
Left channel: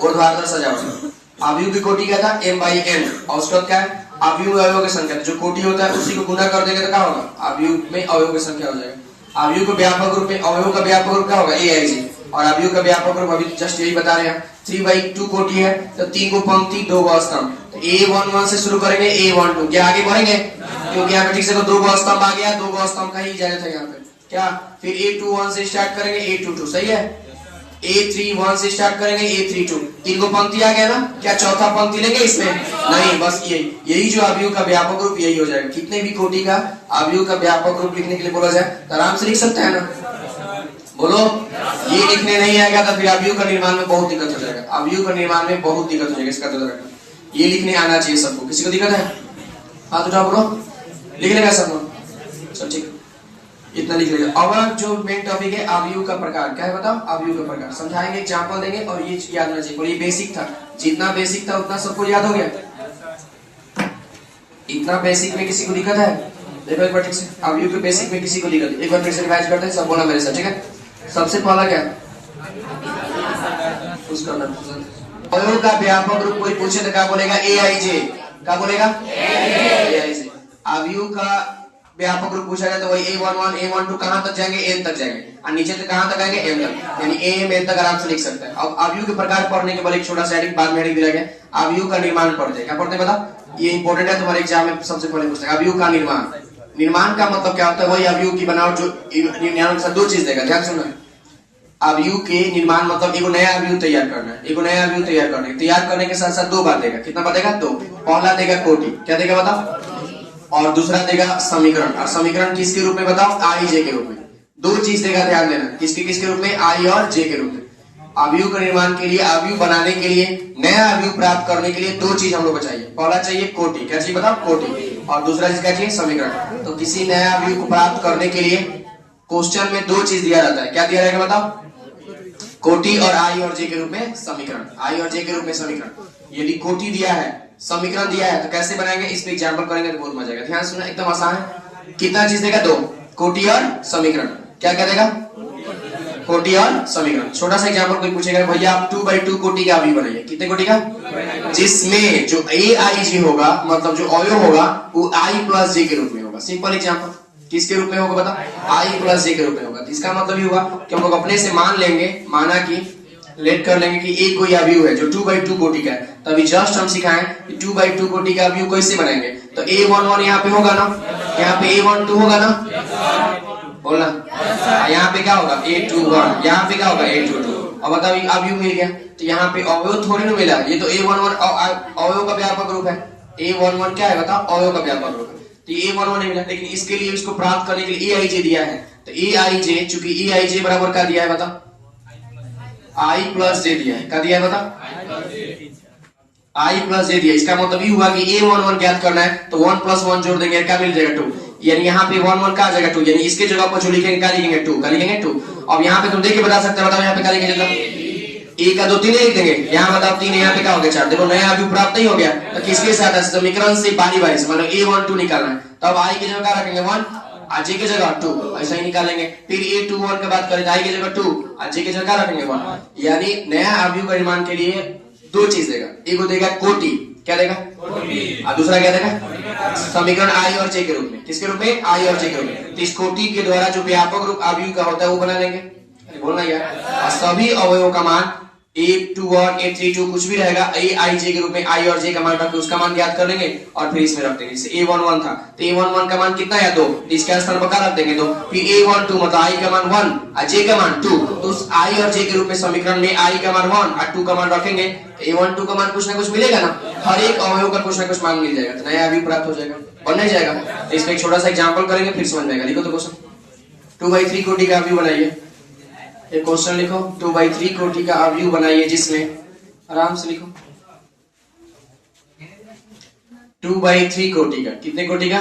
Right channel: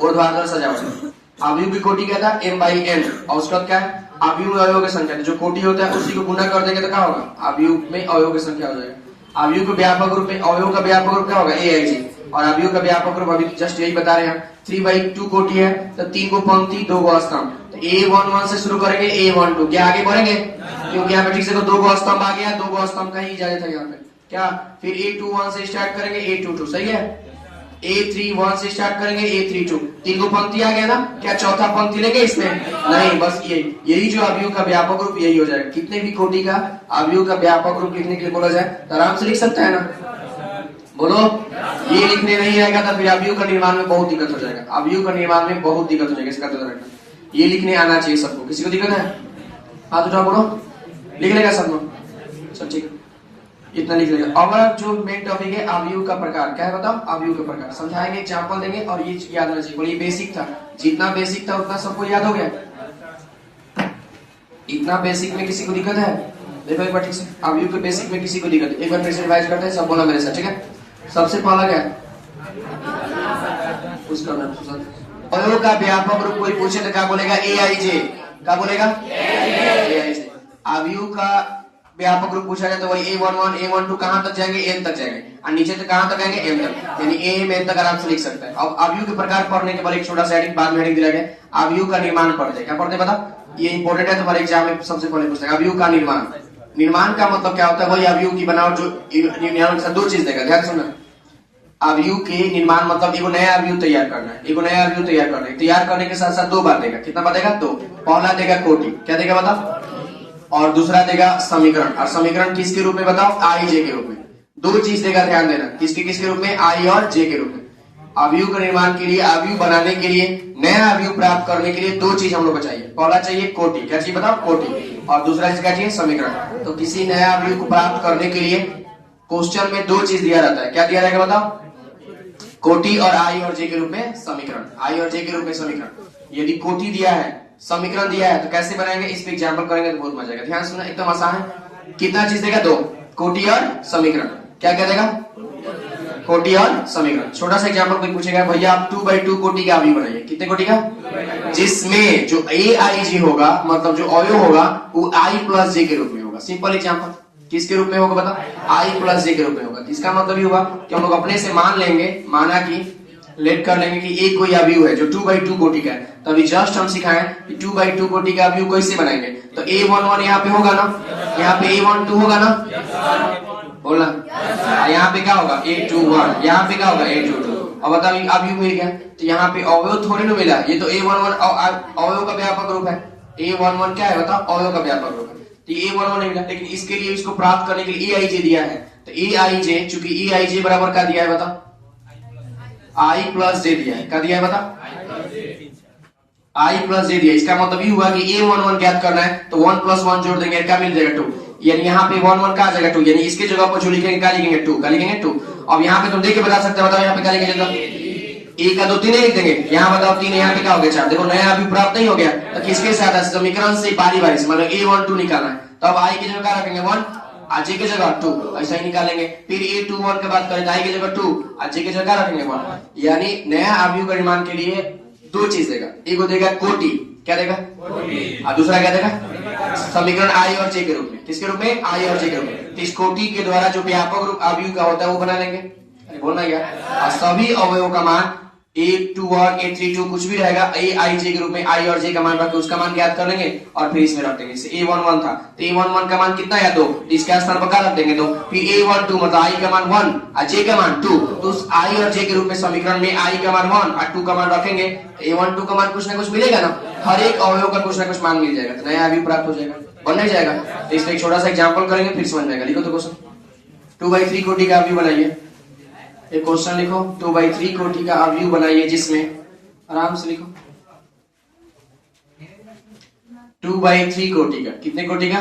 ऊर्ध्वाधर सजावट। आव्यूह की कोटि क्या था? M/N। और उसका क्या है? आव्यूह में अवयव की संख्या। जो कोटि होता है उसी को गुना कर देंगे तो क्या होगा? आव्यूह में अवयव की संख्या हो जाएगा। आव्यूह के व्यापक रूप में अवयव का व्यापक रूप क्या होगा? AIJ। और आव्यूह का व्यापक रूप अभी जस्ट यही बता रहे हैं, 3/2 कोटि है तो 3 को पंक्ति 2 को स्तंभ, तो तो A11 से शुरू करेंगे A12, क्या आगे बढ़ेंगे? क्योंकि यहाँ पे ठीक से तो 2 गो स्तंभ आ गया, 2 गो स्तंभ का ही इजाजत है यहाँ पे। क्या फिर A21 से स्टार्ट करेंगे A22, सही है। A31 से स्टार्ट करेंगे A32, 3 गो पंक्ति आ गया ना। क्या चौथा पंक्ति लेंगे इसमें? नहीं, बस यही जो अवयव का व्यापक रूप यही हो जाएगा। कितने भी कोटि का अवयव का व्यापक रूप लिखने के लिए बोला जाए तो आराम से लिख सकते हैं ना, बोलो। ये लिखने नहीं आएगा तो फिर अवयव का निर्माण में बहुत दिक्कत हो जाएगा, अवयव का निर्माण में बहुत दिक्कत हो जाएगा। इसका ध्यान रखना, ये लिखने आना चाहिए सबको। किसी को दिक्कत है? हाथ उठा, बोलो। लिख लेगा सब लोग? सब ठीक, इतना लिख लेगा। अब जो मेन टॉपिक है अवयव का प्रकार, क्या है बताओ? अवयव का प्रकार समझाएंगे, एग्जांपल देंगे और ये याद होना चाहिए। ये बेसिक था, जितना बेसिक था उतना सबको याद हो गया। इतना बेसिक में किसी को दिक्कत है? देखो एक बार ठीक से, अवयव के बेसिक में किसी को दिक्कत है? एक बार फिर से रिवाइज करते हैं, सब बोला मेरे साथ, ठीक है। सबसे पहला क्या उसका अवयव का व्यापक रूप कोई पूछे तो क्या बोलेगा? AIJ। क्या बोलेगा? AIJ। अवयव का व्यापक रूप पूछा जाए तो वही A11 A12 कहां तक जाएंगे? N तक जाएंगे, और नीचे तक कहां तक आएंगे? M तक, यानी AM तक आराम से लिख सकते हैं। अब अवयव के प्रकार पढ़ने के बाद एक छोटा सा हेडिंग बाद में हेडिंग दिया गया, अवयव का निर्माण पढ़ते हैं। क्या पढ़ते हैं बता? ये इंपॉर्टेंट है, तुम्हारे एग्जाम में सबसे पहले पूछते हैं अवयव का निर्माण। निर्माण का मतलब क्या होता है? वही अवयव की बनावट जो निर्माण से 2 चीज देगा, ध्यान सुनना। अवयव के निर्माण मतलब एक नया अवयव तैयार करना है, एक नया अवयव तैयार करना है। तैयार करने के साथ साथ 2 बात देगा। कितना बात देगा? 2। पहला देगा कोटि, क्या देगा बताओ? और दूसरा देगा समीकरण। और समीकरण किसके रूप में बताओ? IJ के रूप में। 2 चीज देगा, ध्यान देना। किसके रूप में? I और J के रूप में। अवयव के निर्माण के लिए, अवयव बनाने के लिए, नया अवयव प्राप्त करने के लिए 2 चीज हम लोग को चाहिए। पहला चाहिए कोटि, क्या चाहिए बताओ? कोटि। और दूसरा चीज क्या चाहिए? समीकरण। तो किसी नया अवयव को प्राप्त करने के लिए क्वेश्चन में 2 चीज दिया जाता है। क्या दिया रहेगा बताओ? कोटि और I और J के रूप में समीकरण। I और J के रूप में समीकरण। यदि कोटि दिया है, समीकरण दिया है, तो कैसे बनाएंगे? इस पे एग्जांपल करेंगे तो बहुत मजा आएगा। ध्यान सुनना, एकदम आसान है। कितना चीज देगा? 2, कोटि और समीकरण। क्या क्या देगा? कोटि और समीकरण। छोटा सा एग्जांपल कोई पूछेगा, भैया आप 2/2 कोटि का अवयव बनाइए। कितने कोटि का? जिसमें जो AIJ होगा, मतलब जो अवयव होगा वो I + J के रूप में होगा। सिंपल एग्जांपल, किसके रूप में होगा बताओ? I + J के रूप में होगा। इसका मतलब ये होगा कि हम लोग अपने से मान लेंगे, माना कि लेट कर लेंगे कि एक कोई अवयव है जो 2/2 कोटि का है। तो अभी जस्ट हम सिखाएं कि 2/2 कोटि का अवयव कैसे बनाएंगे। तो A11 यहाँ पे होगा ना, यहाँ पे A12 होगा ना, बोलना। यहाँ पे क्या होगा? A21, यहाँ पे क्या होगा? A22। अब बताओ अवयव मिल गया, तो यहाँ पे अवयव थोड़ी ना मिला, ये तो A11 अवयव का व्यापक रूप है। A11 क्या है बताओ? अवयव का व्यापक रूप है। तो A11 नहीं मिला, लेकिन इसके लिए इसको प्राप्त करने के लिए AIJ दिया है। तो AIJ, चूंकि AIJ बराबर क्या दिया है बताओ? I + J दिया है। क्या दिया है बताओ? I + J दिया। इसका मतलब ये हुआ कि A11 ज्ञात करना है तो 1 + 1 जोड़ देंगे, क्या मिल जाएगा? 2। यानी यहाँ पे 1 1 का आ जाएगा 2, यानी इसके जगह पर जो लिखेंगे क्या लिखेंगे? 2। क्या लिखेंगे? 2। अब यहाँ पे तुम देख के बता सकते हो, बताओ यहाँ पे क्या लिखेंगे? 1 का 2 3 लिख देंगे। यहाँ बताओ 3, यहाँ पे क्या हो गया? 4। देखो नया अभी प्राप्त नहीं हो गया, तो किसके साथ? समीकरण से बारी बारी से, मतलब A12 निकालना है। तो अब I की जगह क्या रखेंगे? 1, और J की जगह 2, ऐसा ही निकालेंगे। फिर A21 की बात करें तो I की जगह 2 और J की जगह क्या रखेंगे? 1। यानी नया अवयव का निर्माण के लिए 2 चीज देगा। एक देगा कोटि, क्या देगा? और दूसरा क्या देगा? समीकरण I और J के रूप में। किसके रूप में? I और J के रूप में। तो इस कोटि के द्वारा जो व्यापक रूप अवयव का होता है वो बना लेंगे। बोलना क्या? और सभी अवयवों का मान A21 A32 कुछ भी रहेगा, AIJ के रूप में I और J का मान रख के उसका मान ज्ञात कर लेंगे और फिर इसमें रख देंगे। जैसे A11 था तो A11 का मान कितना है? 2, इसका स्थान पर क्या रख देंगे? 2। फिर A12 मतलब I का मान 1 और J का मान 2, तो उस I और J के रूप में समीकरण में I का मान 1 और 2 का मान रखेंगे। A12 का मान कुछ ना कुछ मिलेगा ना, हर एक अवयव का कुछ ना कुछ मान मिल जाएगा, नया अवयव प्राप्त हो जाएगा, बन नहीं जाएगा। तो इसका एक छोटा सा एग्जाम्पल करेंगे फिर समझ जाएगा। लिखो तो क्वेश्चन, 2/3 कोटि का अवयव बनाइए। एक क्वेश्चन लिखो, 2/3 कोटि का अवयव बनाइए जिसमें, आराम से लिखो, 2/3 कोटि का, कितने कोटि का?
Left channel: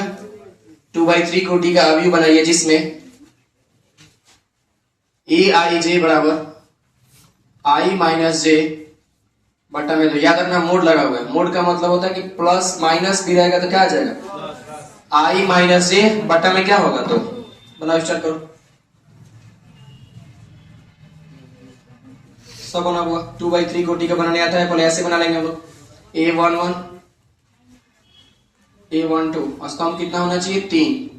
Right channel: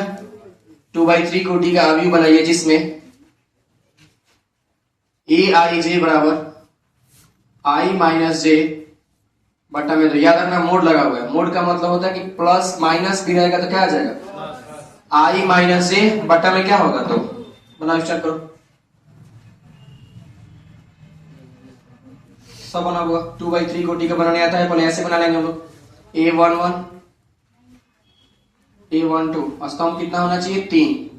2/3 कोटि का अवयव बनाइए जिसमें AIJ बराबर I - J बटा में, तो याद रखना मोड लगा हुआ है। मोड का मतलब होता है कि प्लस माइनस भी रहेगा तो क्या आ जाएगा? I - J बटा में क्या होगा? तो बनाओ, स्टार्ट करो, सब बना हुआ। 2/3 कोटि का बनाने आता है, पहले ऐसे बना लेंगे हम लोग। A11 A12 स्तंभ कितना होना चाहिए? 3,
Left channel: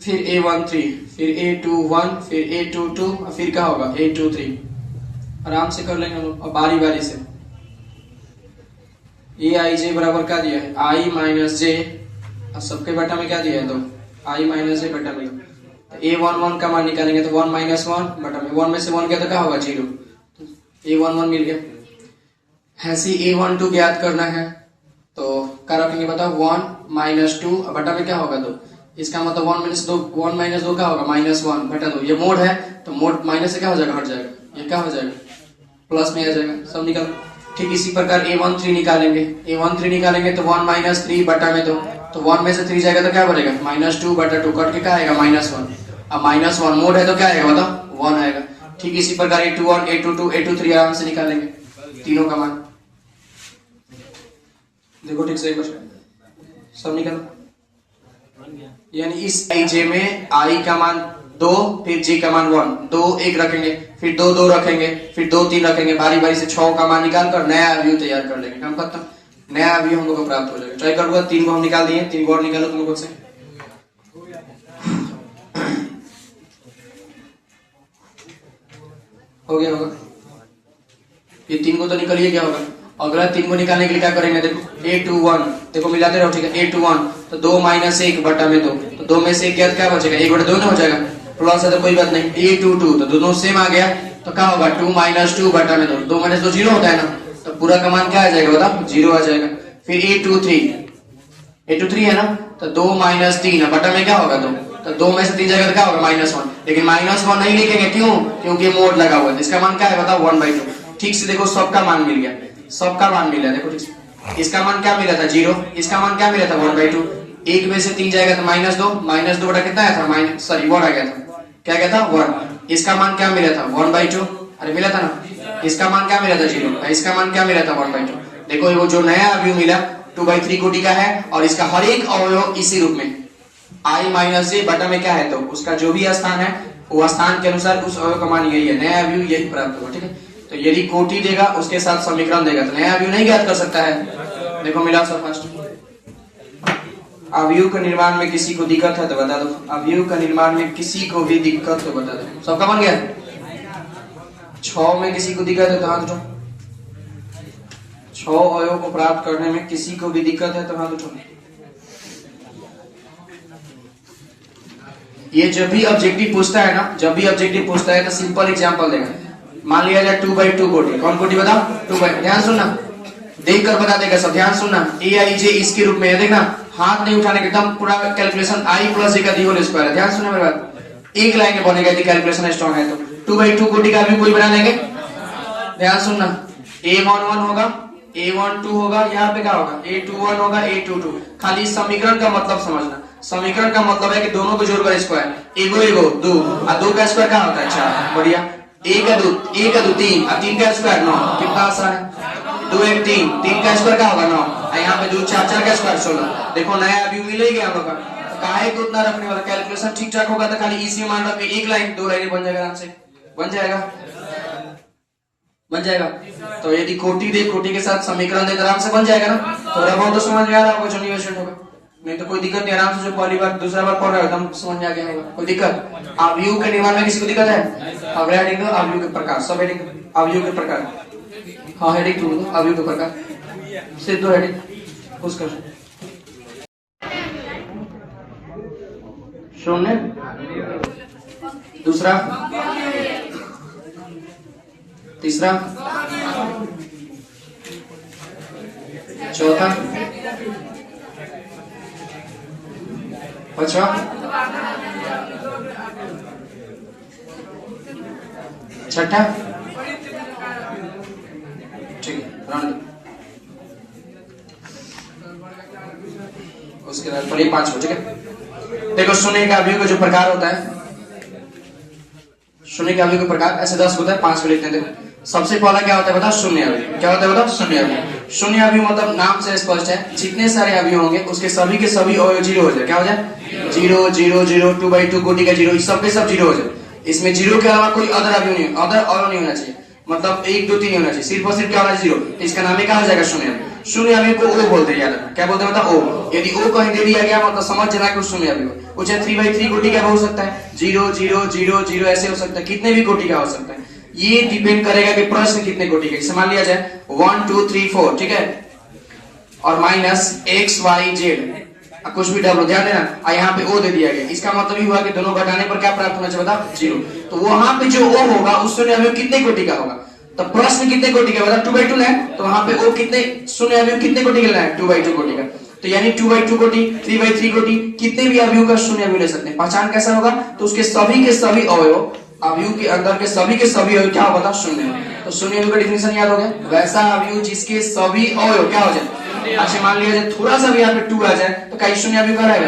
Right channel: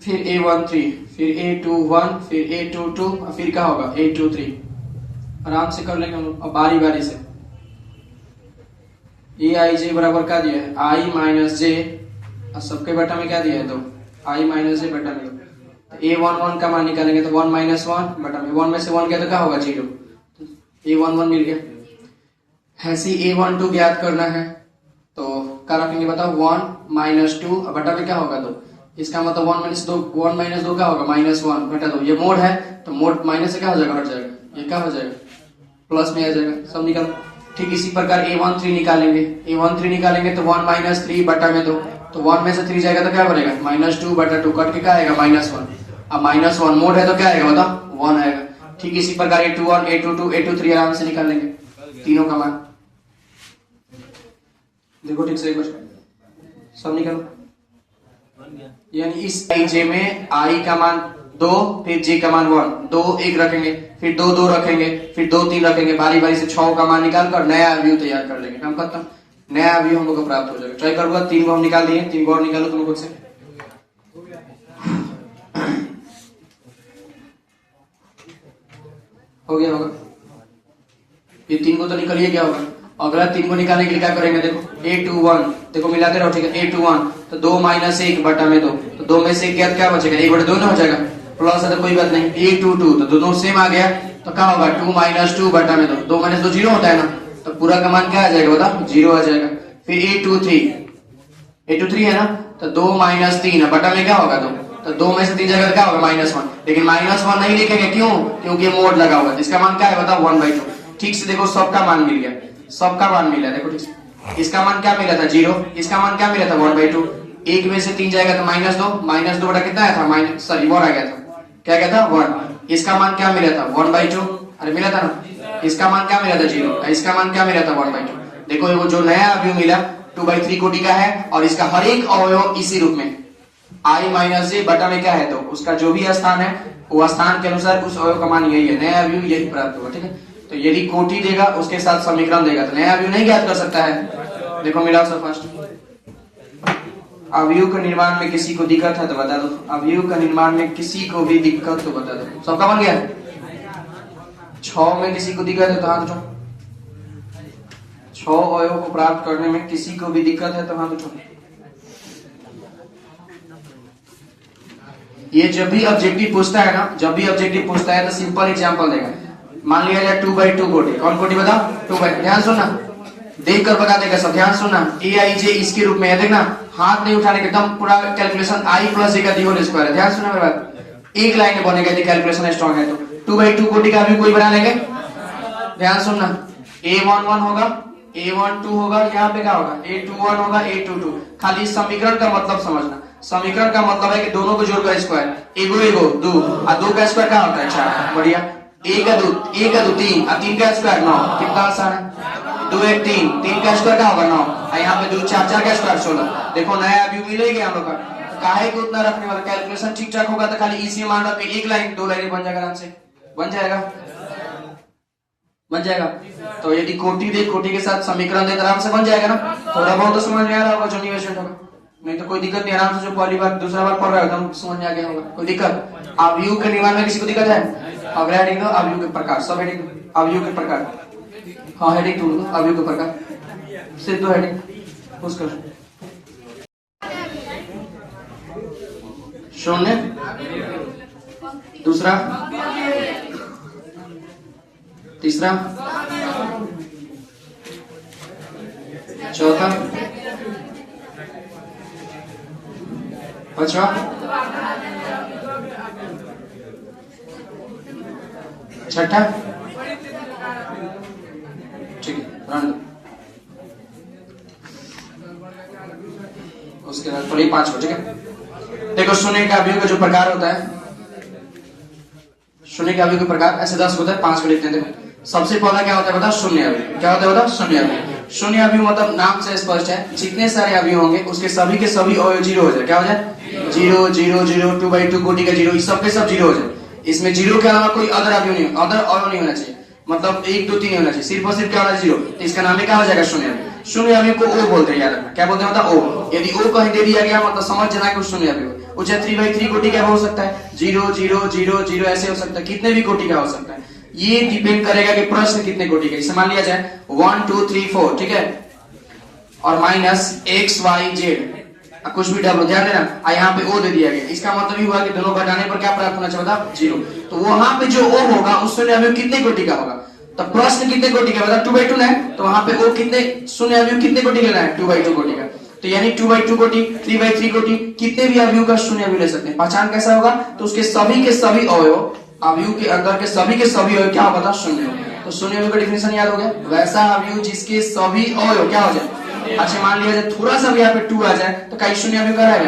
फिर A13, फिर A21, फिर A22 और फिर क्या होगा? A23। आराम से कर लेंगे हम लोग, और बारी बारी से ए आई जे बराबर क्या दिया है, आई माइनस जे, और सबके बटा में क्या दिया है, तो आई माइनस जे बटा में। तो ए वन वन का मान निकालेंगे तो 1 माइनस 1 बटा में 1 में से 1 गया तो क्या होगा 0, ए वन वन मिल गया। ऐसे ए वन टू ज्ञात करना है तो क्या रखेंगे बताओ, 1 माइनस 2 बटा में क्या होगा 2, इसका मतलब 1 माइनस 2 क्या होगा -1 बटा 2। ये मोड है तो मोड माइनस से क्या हो जाएगा, हट जाएगा, ये क्या हो जाएगा प्लस में आ जाएगा, सब निकाल। ठीक इसी प्रकार A13 निकालेंगे, A13 निकालेंगे तो 1 माइनस 3 बटा में 2, तो 1 में से 3 जाएगा तो क्या बनेगा -2 बटा 2, कट के क्या आएगा -1। अब -1 मोड है तो क्या आएगा बताओ 1 आएगा। ठीक इसी प्रकार A21 A22 A23 आराम से निकालेंगे तीनों का मान। देखो ठीक से एक बार सब निकाल, यानी इस आई जे में आई का मान 2 फिर जे का मान 1, 2 1 रखेंगे, फिर 2 2 रखेंगे, फिर 2 3 रखेंगे, बारी बारी से 6 का मान निकाल कर नया अवयव तैयार कर लेंगे। काम खत्म, नया अवयव हम लोग को प्राप्त हो जाएगा। ट्राई करूंगा, 3 को हम निकाल दिए, 3 को और निकालो तुम लोग से। हो गया होगा, ये 3 को तो निकलिए, क्या होगा अगला 3 को निकालने के लिए क्या करेंगे, देखो A21 देखो मिलाते रहो, ठीक है A21 तो 2 माइनस 1 बटा में 2, तो 2 में से 1 क्या बचेगा, 1 बटा 2 ना हो जाएगा, प्लस है तो कोई बात नहीं। A22 तो दोनों सेम आ गया तो क्या होगा 2 माइनस 2 बटा में 2, 2 माइनस 2 0 होता है ना, तो पूरा का मान क्या आ जाएगा बताओ 0 आ जाएगा। फिर A23 है ना, तो 2 माइनस 3 बटा में क्या होगा 2, तो 2 में से 3 जाएगा तो क्या होगा -1, लेकिन -1 नहीं लिखेंगे, क्यों, क्योंकि मोड लगा हुआ है। इसका मान क्या है बताओ 1/2। ठीक से देखो सबका मान मिल गया, सबका मान मिला, देखो ठीक से इसका मान क्या मिला था 0, इसका मान क्या मिला था 1/2, 1 में से 3 जाएगा तो -2 बटा कितना आया था 1 आ गया था, क्या गया था 1। इसका मान क्या मिला था 1/2, अरे मिला था ना, इसका मान क्या मिला था 0, इसका मान क्या मिला था 1/2। देखो वो जो नया अवयव मिला 2/3 कोटि का है और इसका हर एक अवयव इसी रूप में आई माइनस जे बटा में क्या है, तो उसका जो भी स्थान है वो स्थान के अनुसार उस अवयव का मान यही है, नया अवयव यही प्राप्त होगा। ठीक है, तो यदि कोटि देगा उसके साथ समीकरण देगा तो नया अवयव नहीं ज्ञात कर सकता है। देखो मिला सब फर्स्ट, अवयव के निर्माण में किसी को दिक्कत है तो बता दो, अवयव का निर्माण में किसी को भी दिक्कत तो बता दो। सबका बन गया, 6 में किसी को दिक्कत है तो हाथ उठाओ, 6 अवयव को प्राप्त करने में किसी को भी दिक्कत है तो हाथ उठाओ। ये जब भी ऑब्जेक्टिव पूछता है ना, जब भी ऑब्जेक्टिव पूछता है तो सिंपल एग्जांपल देगा। मान लिया जाए 2/2 कोटि, कौन कोटि बताओ 2/2, ध्यान सुनना, देख कर बता देगा सब, ध्यान सुनना। ए आई जे इसके रूप में है, देखना हाथ नहीं उठाने के, एकदम पूरा कैलकुलेशन आई प्लस जे का डी होल स्क्वायर है, ध्यान सुनना मेरी बात, एक लाइन में बनेगा यदि कैलकुलेशन स्ट्रॉन्ग है तो। 2/2 कोटि का भी कोई बना लेंगे, ध्यान सुनना, A11 होगा, A12 होगा, यहाँ पे क्या होगा A21 होगा, A22, खाली समीकरण का मतलब समझना। समीकरण का मतलब है कि दोनों को जोड़कर स्क्वायर, एगो 2 और 2 का स्क्वायर क्या होता है 4, बढ़िया। 1 का 2 3 और 3 का स्क्वायर 9, कितना आसान है, 2 1 3, 3 का स्क्वायर क्या होगा 9, यहाँ पे 2 4 4 का स्क्वायर 16। देखो नया अवयव मिलेगा हम लोग का, तो काहे को उतना रखने वाला, कैलकुलेशन ठीक ठाक होगा तो खाली इसी मान रख के एक लाइन 2 लाइन बन जाएगा, आराम से बन जाएगा। तो यदि कोटि दे, कोटि के साथ समीकरण दे, आराम से बन जाएगा ना। थोड़ा बहुत तो समझ में आ रहा होगा जो निवेशन होगा, नहीं तो कोई दिक्कत नहीं, आराम से जो पहली बार दूसरा बार पढ़ रहा है एकदम समझ में आ गया होगा। कोई दिक्कत, अवयव के निर्माण में किसी को दिक्कत है, अब हेडिंग दो अवयव के प्रकार, सब हेडिंग अवयव के प्रकार, हाँ हेडिंग 2 अवयव के प्रकार, सिर्फ 2 हेडिंग उसका। शून्य, दूसरा, तीसरा, चौथा, अच्छा छठा, ठीक है, उसके बाद थोड़ी 5 हो, ठीक है। देखो शून्य का अवयव का जो प्रकार होता है, शून्य के अवयव के प्रकार ऐसे 10 होता है, 5 को लिखते हैं। देखो सबसे पहला क्या होता है बताओ, शून्य अवयव। क्या होता है बताओ, शून्य अवयव। शून्य अवयव मतलब नाम से स्पष्ट है, जितने सारे अवयव होंगे उसके सभी के सभी अवयव 0 हो जाए। क्या हो जाए 0 0 0, 2/2 कोटि का 0, सब के सब 0 हो जाए। इसमें 0 के अलावा कोई अदर अवयव नहीं, अदर अवयव नहीं होना चाहिए, मतलब 1 2 3 नहीं होना चाहिए, सिर्फ और सिर्फ क्या होना 0। इसका नाम क्या हो जाएगा शून्य अवयव। शून्य अवयव को ओ बोलते हैं, याद रखना क्या बोलते हैं मतलब ओ। यदि ओ कहीं दे दिया गया मतलब समझ जाना कि शून्य अवयव। उसे 3/3 कोटि का हो सकता है, 0 0 0 0 ऐसे हो सकता है, कितने भी कोटि का हो सकता है। ये डिपेंड करेगा कि प्रश्न कितने कोटि का। मान लिया जाए 1 2 3 4, ठीक है, और माइनस एक्स वाई जेड कुछ भी डबल ध्यान देना, यहाँ पे ओ दे दिया गया, इसका मतलब ये हुआ कि दोनों घटाने पर क्या प्राप्त होना चाहिए बताओ, 0। तो वहां पे जो ओ होगा उस शून्य अवयव कितने कोटि का होगा, तो प्रश्न कितने कोटि का बताओ 2/2 है, तो वहां पे ओ कितने शून्य अवयव कितने कोटि का है 2/2 कोटि का, तो यानी 2/2 कोटि 3/3 कोटि कितने भी अवयव का शून्य अवयव ले सकते हैं। पहचान कैसा होगा, तो उसके सभी के सभी अवयव अवयव के अंदर के सभी अवयव क्या होगा शून्य, तो शून्य अवयव का डिफिनेशन याद हो गया, वैसा अवयव जिसके सभी अवयव क्या हो जाए। अच्छा मान लिया जाए थोड़ा सा भी यहाँ पे 2 आ जाए तो कहीं शून्य अवयव कहलाएगा,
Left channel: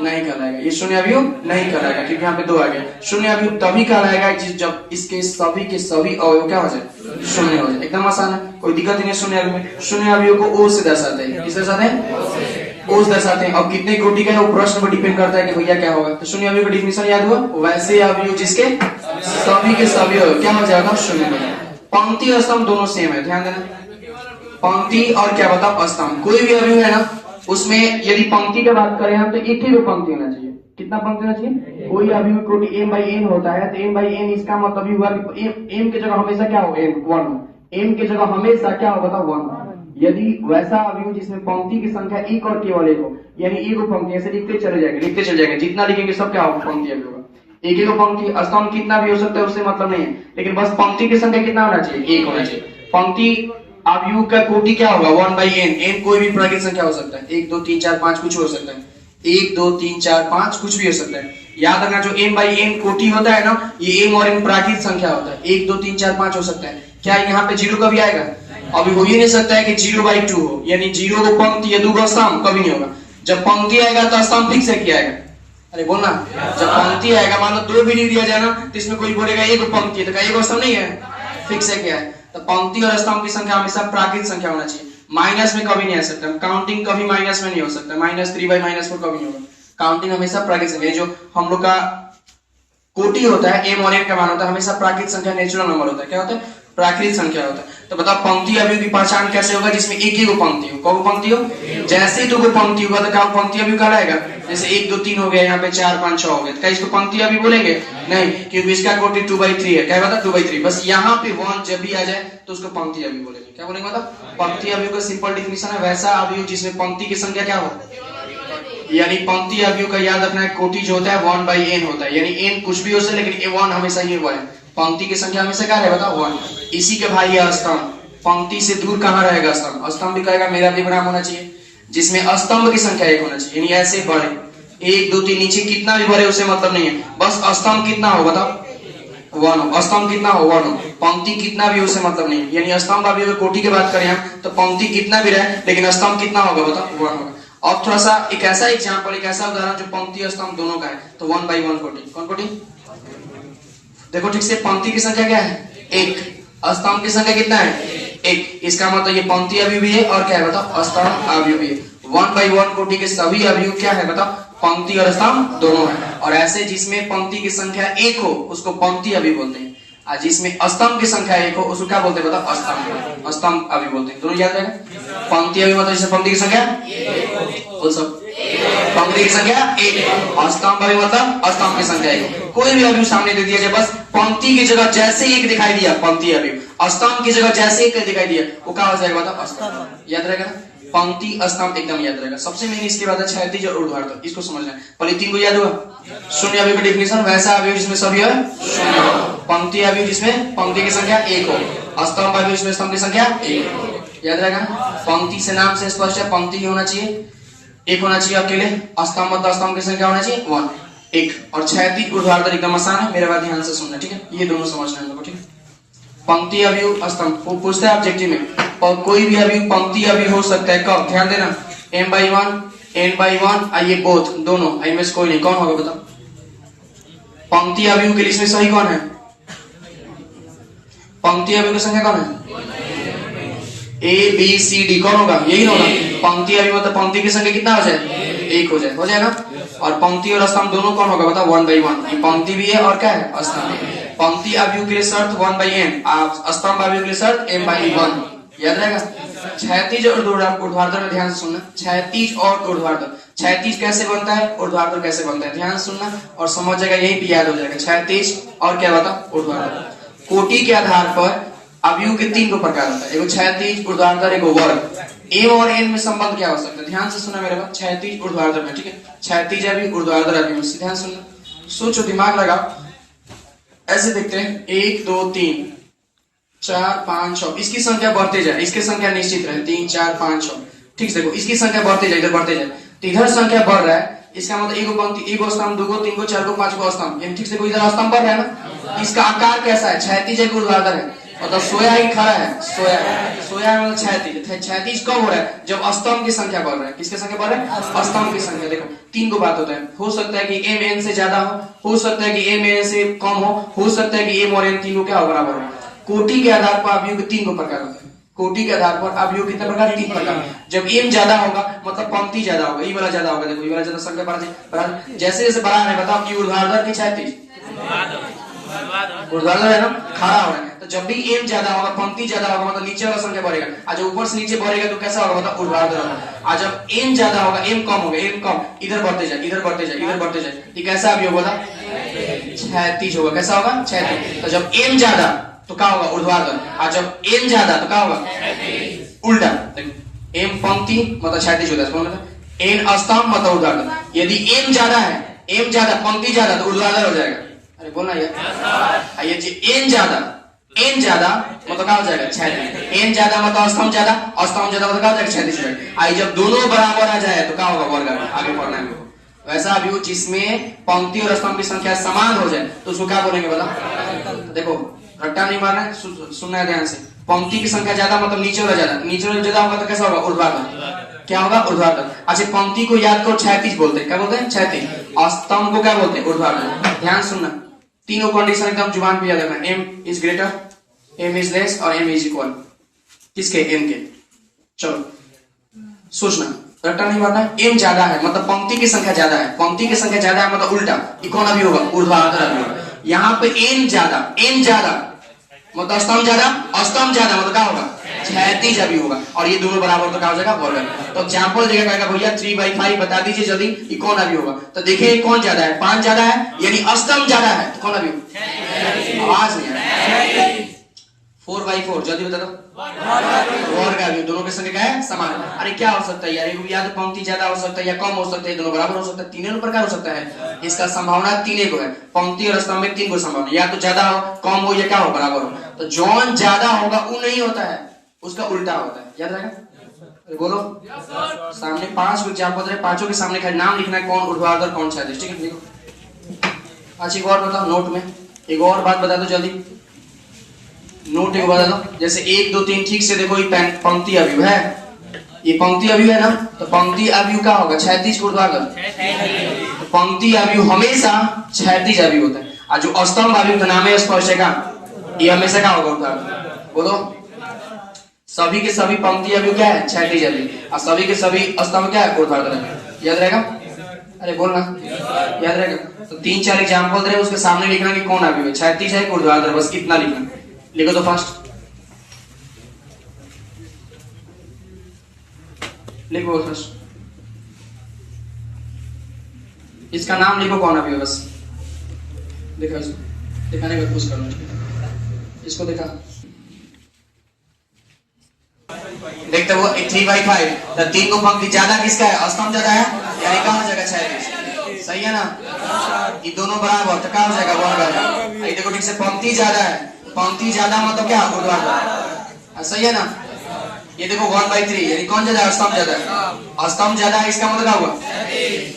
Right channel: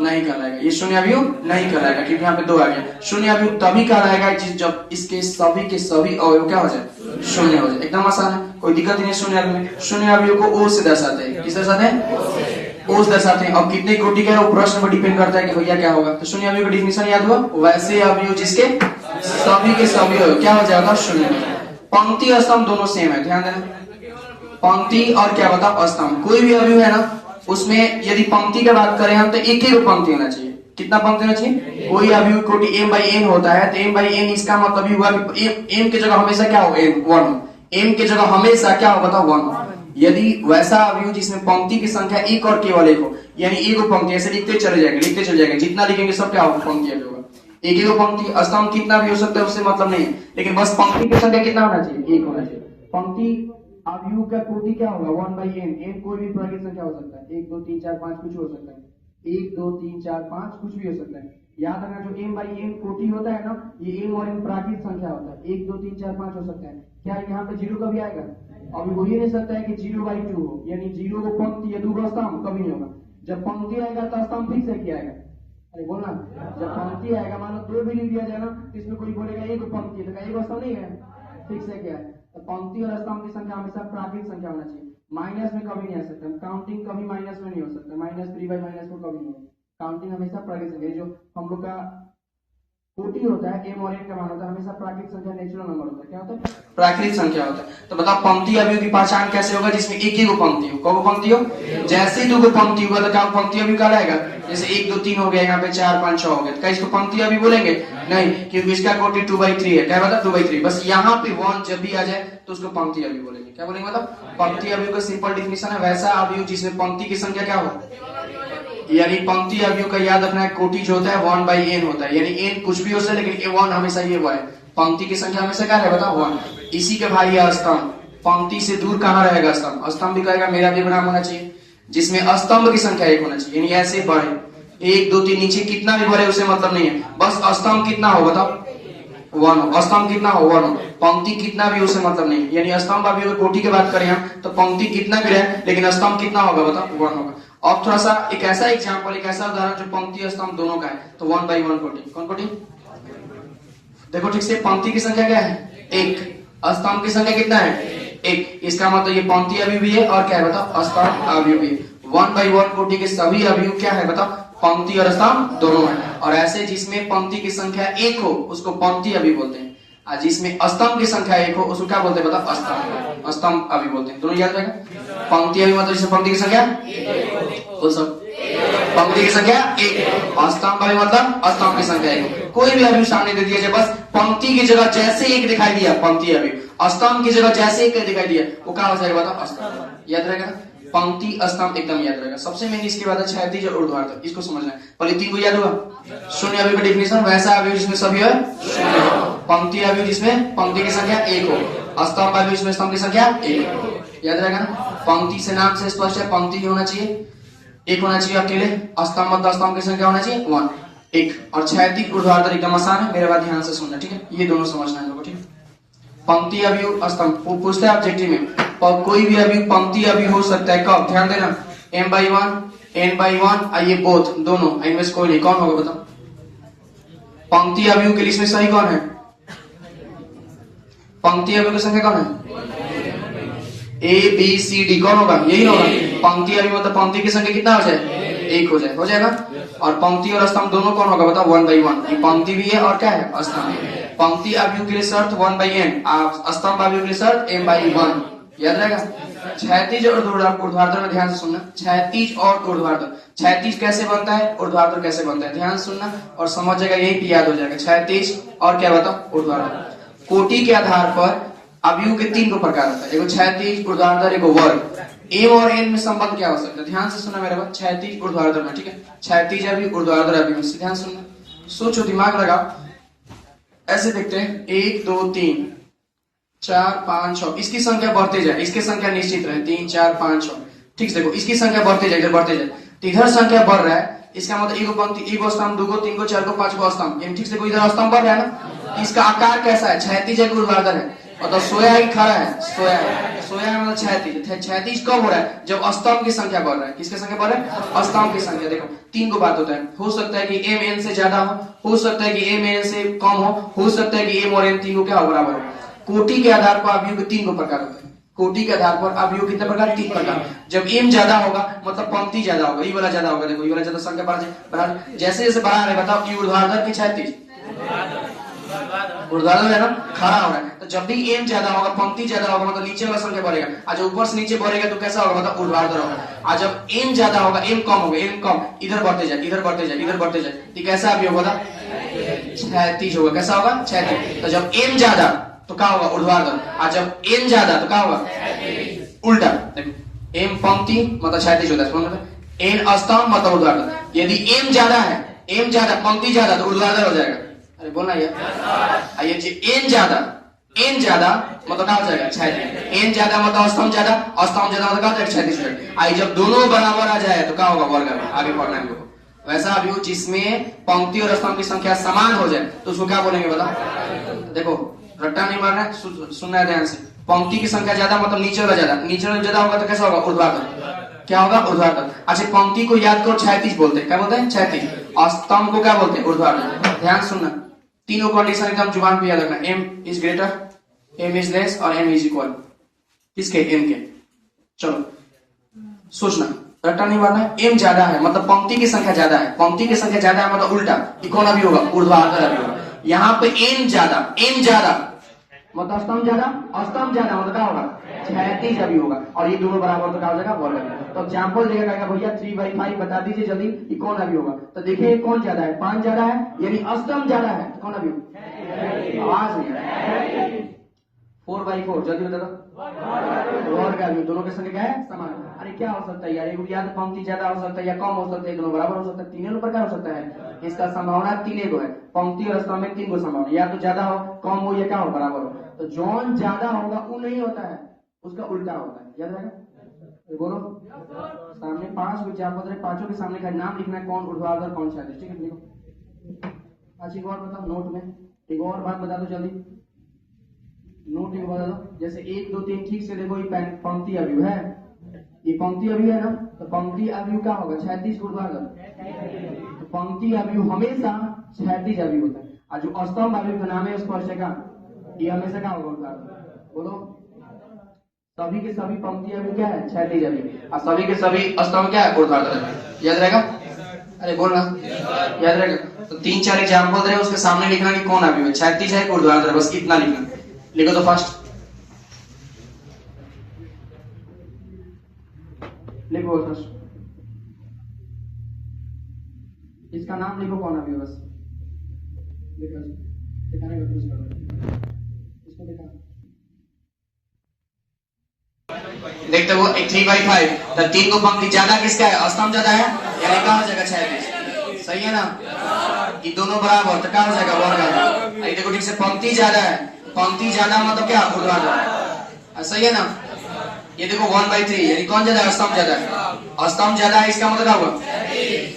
नहीं कहलाएगा, ये शून्य अवयव नहीं कहलाएगा, क्योंकि यहाँ पे 2 आ गया। शून्य अवयव तभी कहलाएगा जब इसके सभी के सभी अवयव क्या हो जाए, शून्य हो जाए। एकदम आसान है, कोई दिक्कत नहीं है शून्य अवयव में। शून्य अवयव को ओ से दर्शाते हैं, किस दर्शाते हैं, ओ से दर्शाते हैं। अब कितने कोटि का है वो प्रश्न पर डिपेंड करता है कि भैया क्या होगा। तो शून्य अवयव का डिफिनेशन याद हुआ, वैसे अवयव जिसके सभी के सभी अवयव क्या हो जाएगा शून्य। पंक्ति स्तंभ दोनों सेम है, ध्यान देना, पंक्ति और क्या बताओ स्तंभ, कोई भी अवयव है ना उसमें यदि पंक्ति की बात करें हम तो एक ही पंक्ति होना चाहिए। कितना पंक्ति होना चाहिए, कोई अवयव कोटि m/n होता है तो m/n इसका मतलब ही हुआ कि m की जगह हमेशा क्या हो n 1, m की जगह हमेशा क्या हो बताओ 1। यदि वैसा अवयव जिसमें पंक्ति की संख्या एक और केवल एक हो, यानी एक पंक्ति ऐसे लिखते चले जाएंगे, जितना लिखेंगे सब क्या होगा पंक्ति अवयव होगा। एक पंक्ति, स्तंभ कितना भी हो सकता है उससे मतलब नहीं है, लेकिन बस पंक्ति की संख्या कितना होना चाहिए, एक होना चाहिए। पंक्ति अवयव का कोटि क्या होगा 1/n, n कोई भी प्राकृत संख्या हो सकता है, 1 2 3 4 5 कुछ हो सकता है, 1 2 3 4 5 कुछ भी हो सकता है। याद रखना जो m/n कोटि होता है ना, ये m और n प्राकृत संख्या होता है, 1 2 3 4 5 हो सकता है। क्या यहाँ पे 0 कभी आएगा, अभी हो ही नहीं सकता है कि 0/2 हो, यानी 0 को पंक्ति या 2 को स्तंभ कभी नहीं होगा। जब पंक्ति आएगा तो स्तंभ फिक्स है किया आएगा, अरे बोलना, जब पंक्ति आएगा मान लो 2 भी नहीं दिया जाए ना तो इसमें कोई बोलेगा एक पंक्ति है, तो क्या एक स्तंभ नहीं है, फिक्स है क्या है। तो पंक्ति और स्तंभ की संख्या हमेशा प्राकृत संख्या होना चाहिए, माइनस में कभी नहीं आ सकता, काउंटिंग कभी माइनस में नहीं हो सकता, -3/-4 कभी नहीं होगा, काउंटिंग हमेशा प्राकृत संख्या। जो हम लोग का कोटि होता है m और n का मान होता है हमेशा प्राकृत संख्या, नेचुरल नंबर होता है, क्या होता है प्राकृत संख्या होता है। तो बताओ पंक्ति अवयव की पहचान कैसे होगा, जिसमें एक ही को पंक्ति हो, कौन पंक्ति हो, जैसे ही 2 को पंक्ति होगा तो क्या पंक्ति अवयव कहलाएगा। जैसे 1 2 3 हो गया, यहाँ पे 4 5 6 हो गया, क्या इसको पंक्ति अवयव बोलेंगे, नहीं, क्योंकि इसका कोटि 2/3 है, क्या बता 2/3, बस यहाँ पे 1 जब भी आ जाए तो उसको पंक्ति अवयव बोलेंगे। क्या बोलेंगे मतलब पंक्ति अवयव का सिंपल डिफिनेशन है वैसा अवयव जिसमें पंक्ति की संख्या क्या हो, यानी पंक्ति अवयव का याद रखना है कोटि जो होता है 1/n होता है, यानी n कुछ भी हो सकता है लेकिन 1 हमेशा ये हुआ है, पंक्ति की संख्या हमेशा क्या है बताओ 1। इसी के भाई है स्तंभ, पंक्ति से दूर कहाँ रहेगा स्तंभ, स्तंभ भी कहेगा मेरा विराम होना चाहिए, जिसमें स्तंभ की संख्या 1 होना चाहिए, यानी ऐसे बढ़े 1 2 3 नीचे कितना भी बढ़े उसे मतलब नहीं है, बस स्तंभ कितना हो बताओ 1 हो, स्तंभ कितना हो 1 हो, पंक्ति कितना भी उसे मतलब नहीं, यानी स्तंभ अभी कोटि की बात करें हम तो पंक्ति कितना भी रहे लेकिन स्तंभ कितना होगा बताओ 1 होगा। अब थोड़ा सा एक ऐसा एग्जांपल, एक ऐसा उदाहरण जो पंक्ति और स्तंभ दोनों का है, तो 1/1 कोटि, कौन कोटि देखो ठीक से, पंक्ति की संख्या क्या है 1, स्तंभ की संख्या कितना है 1, इसका मतलब ये पंक्ति अवयव भी है और क्या है बताओ स्तंभ अवयव भी है। 1/1 कोटि के सभी अवयव क्या है बताओ पंक्ति और स्तंभ दोनों है, और ऐसे जिसमें पंक्ति की संख्या 1 हो उसको पंक्ति अवयव बोलते हैं, और जिसमें स्तंभ की संख्या 1 हो उसको क्या बोलते हैं बताओ स्तंभ अवयव बोलते हैं। दोनों याद रहेगा, पंक्ति अवयव मतलब पंक्ति की संख्या बोल सब, पंक्ति की संख्या 1, स्तंभ अवयव मतलब स्तंभ की संख्या 1। कोई भी अवयव सामने दे दिया जाए, बस पंक्ति की जगह जैसे 1 दिखाई दिया पंक्ति अवयव, स्तंभ की जगह जैसे 1 दिखाई दिया वो क्या हो जाएगा बताओ स्तंभ। याद रहेगा पंक्ति स्तंभ एकदम याद रहेगा। सबसे मेन इसके बाद क्षैतिज और ऊर्ध्वाधर, इसको समझना है। पहले 3 को याद हुआ, शून्य अवयव का डिफिनेशन वैसा अवयव जिसमें सभी है शून्य हो, पंक्ति अवयव जिसमें पंक्ति की संख्या 1 हो, स्तंभ अवयव जिसमें स्तंभ की संख्या 1 हो। याद रहेगा, पंक्ति से नाम से स्पष्ट है पंक्ति ही होना चाहिए, 1 होना चाहिए अकेले, स्तंभ मतलब स्तंभ की संख्या होना चाहिए 1, और क्षैतिज ऊर्ध्वाधर एकदम आसान है, मेरे बात ध्यान से सुनना ठीक है, ये दोनों समझना है लोगों, ठीक है। पंक्ति अवयव स्तंभ पूछता है ऑब्जेक्टिव में, और कोई भी अवयव पंक्ति अवयव हो सकता है कब, ध्यान देना, m/1 n/1 ये बोथ दोनों, इनमें से कोई नहीं, कौन होगा बताओ पंक्ति अवयव के लिस्ट में सही कौन है, पंक्ति अवयव की संख्या कौन है A B C D, कौन होगा यही होगा। पंक्ति अवयव मतलब पंक्ति की संख्या कितना हो जाए 1 हो जाए ना, और पंक्ति और स्तंभ दोनों कौन होगा बताओ 1/1, ये पंक्ति भी है और क्या है स्तंभ। पंक्ति अवयव के लिए शर्त 1/n, स्तंभ अवयव के लिए शर्त m/1, याद रहेगा। क्षैतिज और ऊर्ध्वाधर में ध्यान से सुनना, क्षैतिज और ऊर्ध्वाधर, क्षैतिज कैसे बनता है ऊर्ध्वाधर कैसे बनता है, ध्यान सुनना और समझ जाएगा, यही भी याद हो जाएगा। क्षैतिज और क्या बताओ ऊर्ध्वाधर। कोटि के आधार पर अवयव के 3 प्रकार होता है, एगो क्षैतिज ऊर्ध्वाधर एगो वर्ग। एम और एन में संबंध क्या हो सकता है? ध्यान से सुना मेरे बात। क्षैतिज ऊर्ध्वाधर में, ठीक है, क्षैतिज अभी ऊर्ध्वाधर अभी में, ध्यान सुनना, सोचो, दिमाग लगाओ। ऐसे देखते हैं 1 2 3 4 5 6, इसकी संख्या बढ़ते जाए, इसकी संख्या निश्चित रहे 3 4 5 6, ठीक है। देखो इसकी संख्या बढ़ते जाए, इधर बढ़ते जाए, तो इधर संख्या बढ़ रहा है, इसका मतलब एगो पंक्ति, एगो स्तंभ, दूगो, तीनगो, चारगो, पांचगो स्तंभ, यानी ठीक से इधर स्तंभ बढ़ रहा है ना। इसका आकार कैसा है? क्षैतिज है कि ऊर्ध्वाधर है? मतलब सोया ही खड़ा है, सोया, सोया मतलब क्षैतिज। क्षैतिज कब हो रहा है? जब स्तंभ की संख्या बढ़ रहा है। किसकी संख्या बढ़ रहा है? स्तंभ की संख्या। देखो 3 को बात होता है, हो सकता है कि एम एन से ज्यादा हो सकता है कि एम एन से कम हो सकता है कि एम और एन तीनों क्या हो, बराबर हो। कोटि के आधार पर अवयव के 3 प्रकार होते हैं। कोटि के आधार पर अवयव कितने प्रकार? 3 प्रकार। जब एम ज्यादा होगा मतलब पंक्ति ज्यादा होगा, ये वाला ज्यादा होगा। देखो ये वाला ज्यादा संख्या बढ़, जैसे जैसे बढ़ा है, बताओ ये ऊर्ध्वाधर की क्षैतिज? ऊर्ध्वाधर है ना, खड़ा हो रहा है। तो जब भी एम ज्यादा होगा, पंक्ति ज्यादा होगा, मतलब नीचे वाला संख्या बढ़ेगा। आज ऊपर से नीचे बढ़ेगा तो कैसा होगा? मतलब ऊर्ध्वाधर होगा। आज जब एम ज्यादा होगा, एम कम होगा, एम कम, इधर बढ़ते जाए, इधर बढ़ते जाए, इधर बढ़ते जाए, तो कैसा अवयव होगा? क्षैतिज होगा। कैसा होगा? क्षैतिज। तो जब एम ज्यादा तो क्या होगा? ऊर्ध्वाधर। और जब एन ज्यादा तो क्या होगा? उल्टा। देखो एम पंक्ति मतलब क्षैतिज होता है, एन स्तंभ मतलब ऊर्ध्वाधर। यदि एम ज्यादा है, एम ज्यादा, पंक्ति ज्यादा, तो ऊर्ध्वाधर हो जाएगा। अरे बोलना यार। ये एन ज्यादा, एन ज्यादा मतलब क्या हो जाएगा? क्षैतिज। एन ज्यादा मतलब स्तंभ ज्यादा, स्तंभ ज्यादा मतलब क्या हो जाएगा? क्षैतिज हो जाएगा। आई जब दोनों बराबर आ जाए तो क्या होगा? वर्ग। आगे पढ़ना है वैसा अवयव जिसमें पंक्ति और स्तंभ की संख्या समान हो जाए तो उसको क्या बोलेंगे? बता। देखो रट्टा नहीं मारना है, सुनना है ध्यान से। पंक्ति की संख्या ज्यादा मतलब नीचे वाला ज्यादा, नीचे वाला ज्यादा होगा तो कैसा होगा? ऊर्ध्वाधर। क्या होगा? ऊर्ध्वाधर। अच्छा पंक्ति को याद करो, क्षैतिज बोलते हैं। क्या बोलते हैं? क्षैतिज। स्तंभ को क्या बोलते हैं? ऊर्ध्वाधर। ध्यान सुनना, तीनों कंडीशन एकदम जुबान पे याद रखना। M is greater, M is less और एम इज इक्वल। किसके? एन के। चलो सोचना, रट्टा नहीं मारना। एम ज्यादा है मतलब पंक्ति की संख्या ज्यादा है, पंक्ति की संख्या ज्यादा है मतलब उल्टा, ये कौन अभी होगा? ऊर्ध्वाधर अभी होगा। यहाँ पे एन ज्यादा, एन ज्यादा मतलब स्तंभ ज्यादा, स्तंभ ज्यादा मतलब क्या होगा? क्षैतिज अभी होगा। और ये दोनों बराबर तो क्या हो जाएगा? वर्ग। तो एग्जांपल देगा, कहेगा भैया 3/5 बता दीजिए जल्दी, ये कौन अभी होगा? तो देखिए कौन ज्यादा है? 5 ज्यादा है, यानी स्तंभ ज्यादा है, तो कौन अभी होगा? आवाज नहीं है। 4/4 जल्दी बता दो। वर्ग अभी। दोनों की संख्या क्या है? समान। अरे क्या हो सकता है यार? या तो पंक्ति ज्यादा हो सकता है या कम हो सकता है, दोनों बराबर हो सकता है, तीनों प्रकार हो सकता है। इसका संभावना 3 को है। पंक्ति और स्तंभ में 3 को संभावना, या तो ज्यादा हो, कम हो या क्या हो? बराबर हो। तो जौन ज्यादा होगा वो नहीं होता है, उसका उल्टा होता है। याद रहेगा? बोलो। सामने 5 एग्जाम्पल है, पांचों के सामने नाम लिखना है, कौन ऊर्ध्वाधर कौन क्षैतिज, ठीक है? अच्छा एक और बताओ नोट में, एक और बात बता दो जल्दी, नोट एक बता दो। जैसे 1 2 3 ठीक से देखो, ये पंक्ति अवयव है, ये पंक्ति अवयव है ना, तो पंक्ति अवयव क्या होगा? क्षैतिज ऊर्ध्वाधर। तो पंक्ति अवयव हमेशा क्षैतिज अवयव होता है। और जो स्तंभ अवयव का नाम है स्पर्शिका, ये हमेशा क्या होगा? ऊर्ध्वाधर। बोलो। सभी के सभी पंक्ति अवयव क्या है? क्षैतिज अवयव। और सभी के सभी स्तंभ क्या है? ऊर्ध्वाधर। याद रहेगा? अरे बोलना, याद रहेगा? तो 3 4 एग्जाम्पल दे, उसके सामने लिखना कि कौन अवयव है, क्षैतिज है ऊर्ध्वाधर, बस इतना लिखना। लिखो तो फास्ट लिखो फास्ट, इसका नाम लिखो कौन अवयव, बस देखो, इसको दिखाने का कोशिश करना, इसको देखा देखते वो 3/5, तो 3 को पंक्ति ज्यादा किसका है? स्तंभ ज्यादा है, यानी क्या हो जाएगा? क्षैतिज। सही है ना? ये दोनों बराबर तो क्या हो जाएगा? वर्ग। देखो ठीक से, पंक्ति ज्यादा है, पंक्ति ज्यादा मतलब क्या? ऊर्ध्वाधर। सही है ना? ये देखो 1/3, यानी कौन ज्यादा? स्तंभ ज्यादा है। स्तंभ ज्यादा है, इसका मतलब क्या होगा?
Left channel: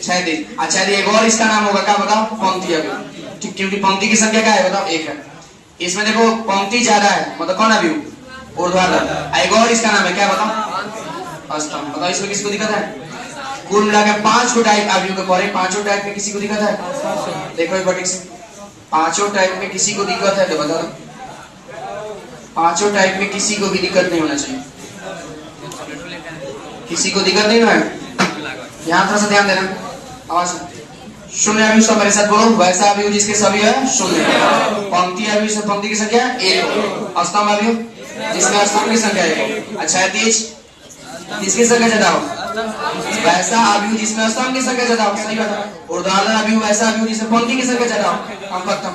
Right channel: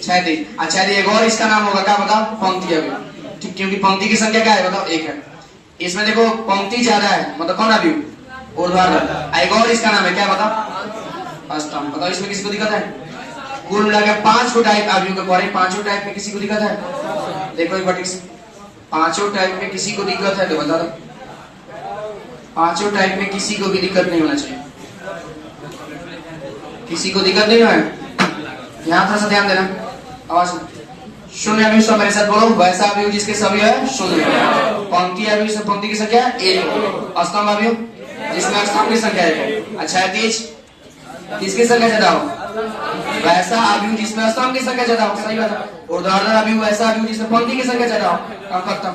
क्षैतिज। अच्छा एक और इसका नाम होगा क्या? बताओ। पंक्ति अवयव। ठीक, क्योंकि पंक्ति की संख्या क्या है? बताओ 1 है। इसमें देखो पंक्ति ज्यादा है मतलब कौन अवयव? ऊर्ध्वाधर। एक और इसका नाम है क्या? बताओ। स्तंभ। बताओ इसमें किसी को दिक्कत है? कुल मिलाकर 5 को टाइप अवयव के पढ़े, 5 टाइप में किसी को दिक्कत है? देखो एक बार ठीक से, 5 टाइप में किसी को दिक्कत है तो बता दो। 5 टाइप में किसी को भी दिक्कत नहीं होना चाहिए, किसी को दिक्कत नहीं है। यहाँ थोड़ा सा ध्यान देना, आवाज। शून्य अवयव सब मेरे साथ बोलो। वैसा अवयव जिसके सभी है शून्य। पंक्ति अवयव से पंक्ति की संख्या 1। स्तंभ अवयव जिसमें स्तंभ की संख्या 1। अच्छा है तीज किसकी संख्या ज्यादा हो? वैसा अवयव जिसमें स्तंभ की संख्या ज्यादा हो। सही बात। ऊर्ध्वाधर अवयव वैसा अवयव जिसमें पंक्ति की संख्या ज्यादा हो। कम खत्म।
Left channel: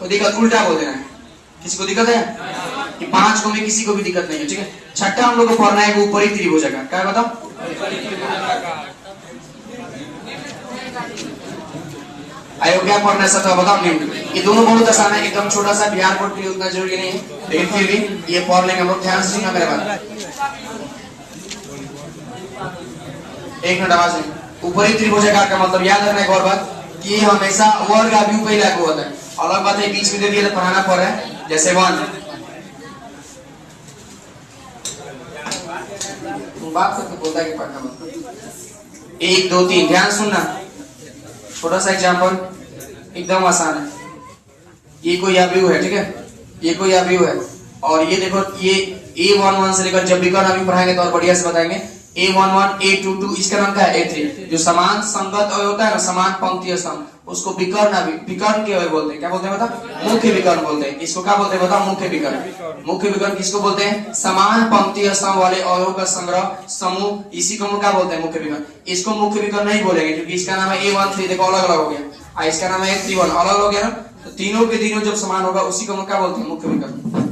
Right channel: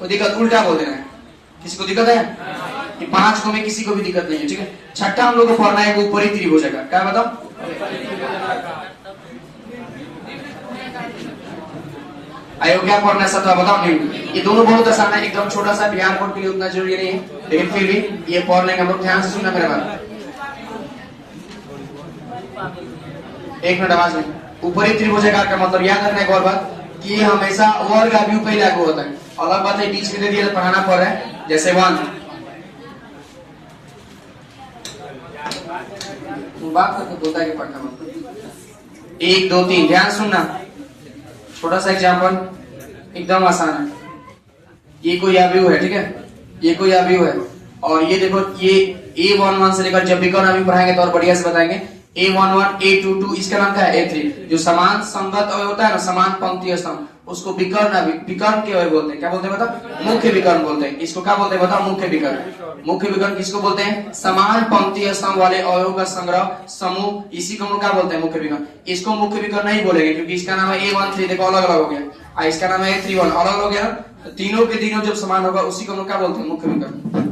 तो दिक्कत उल्टा बोल देना। किसको दिक्कत है? कि 5 को में किसी को भी दिक्कत नहीं है, ठीक है। छठा हम लोग को पढ़ना है ऊपरी त्रिभुजाकार, क्या बताओ? अयोग्य पढ़ना है सतह बताओ निम्न। ये दोनों बहुत आसान है, एकदम छोटा सा, ध्यान कोड के लिए उतना जरूरी नहीं है, लेकिन फिर भी ये पढ़ लेंगे हम लोग, ध्यान से सुनना मेरे बात। एक मिनट आवाज नहीं। ऊपरी त्रिभुजाकार का मतलब याद रखना एक और बात कि ये हमेशा वर्ग अभियोग पे लागू होता है। अलग बात है बीच में दे दिया तो पढ़ाना पड़ रहा है, जैसे 1 बात तो बोलता है कि पढ़ना मत। 1 2 3 ध्यान सुनना, छोटा सा एग्जांपल एकदम आसान है। ये कोई अवयव है, ठीक है, ये कोई अवयव है और ये देखो ये A11 से लेकर जब विकर्ण अवयव पढ़ाएंगे तो और बढ़िया से बताएंगे। A11 A22 इसका नाम क्या है? A3। जो समान संगत अवयव होता है ना, समान पंक्ति स्तंभ, उसको विकर्ण अवयव, विकर्ण के अवयव बोलते हैं। क्या बोलते हैं बताओ? मुख्य विकर्ण बोलते हैं। इसको क्या बोलते हैं बताओ? मुख्य विकर्ण। मुख्य विकर्ण किसको बोलते हैं? समान पंक्ति स्तंभ वाले अवयव का संग्रह समूह, इसी को हम क्या बोलते हैं? मुख्य विकर्ण। इसको मुख्य विकर्ण नहीं बोलेंगे क्योंकि इसका नाम है A13, देखो अलग अलग हो गया, इसका नाम है A31, अलग अलग हो गया ना, तो तीनों के तीनों जब समान होगा उसी को हम क्या बोलते हैं? मुख्य विकर्ण।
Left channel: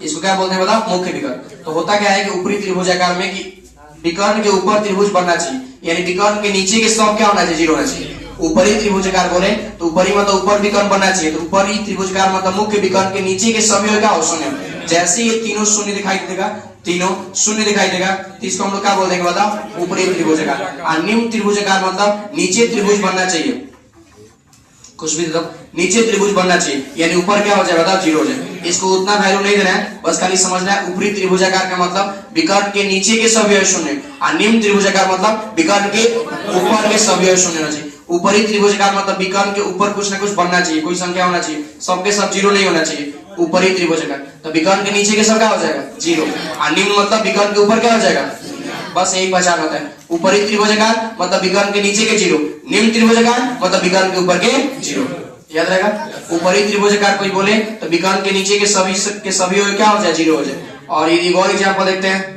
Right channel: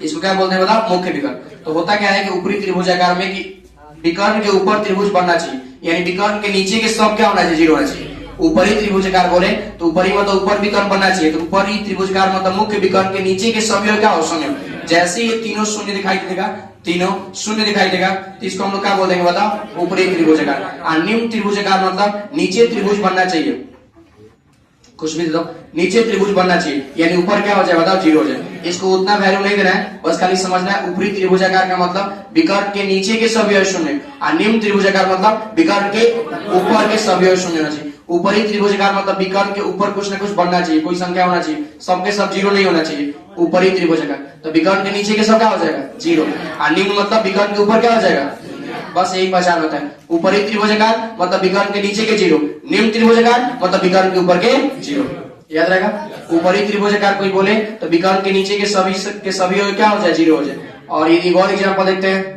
इसको क्या बोलते हैं बताओ? मुख्य विकर्ण। तो होता क्या है कि ऊपरी त्रिभुजाकार में कि विकर्ण के ऊपर त्रिभुज बनना चाहिए, यानी विकर्ण के नीचे के सब क्या होना चाहिए? 0 होना चाहिए। ऊपरी त्रिभुजाकार बोले तो ऊपरी मतलब ऊपर विकर्ण बनना चाहिए, तो ऊपरी त्रिभुजाकार मतलब मुख्य विकर्ण के नीचे के सभी क्या हो? शून्य। जैसे ये तीनों शून्य दिखाई देगा, तीनों शून्य दिखाई देगा, तो इसको हम लोग क्या बोल देंगे बताओ? ऊपरी त्रिभुजाकार। और निम्न त्रिभुजाकार मतलब नीचे त्रिभुज बनना चाहिए, कुछ भी दो, नीचे त्रिभुज बनना चाहिए, यानी ऊपर क्या हो जाए बताओ? 0 हो जाए। इसको उतना वैल्यू नहीं देना है, बस खाली समझना है ऊपरी त्रिभुजाकार का मतलब विकर्ण के नीचे के सभी अवयव शून्य, और निम्न त्रिभुजाकार मतलब विकर्ण के ऊपर के सभी अवयव शून्य होना चाहिए। ऊपरी त्रिभुजाकार मतलब विकर्ण के ऊपर कुछ न कुछ बनना चाहिए, कोई संख्या होना चाहिए, सबके सब 0 नहीं होना चाहिए ऊपरी त्रिभुजाकार। तो विकर्ण के नीचे के सब क्या हो जाएगा? 0। और निम्न मतलब विकर्ण के ऊपर क्या हो जाएगा? बस यही पहचान होता है। ऊपरी त्रिभुजाकार मतलब विकर्ण के नीचे के 0, निम्न त्रिभुजाकार मतलब विकर्ण के ऊपर के 0। याद रहेगा? ऊपरी त्रिभुजाकार कोई बोले तो विकर्ण के नीचे के सभी क्या हो जाए? 0 हो जाए। और एक और एग्जांपल देखते हैं।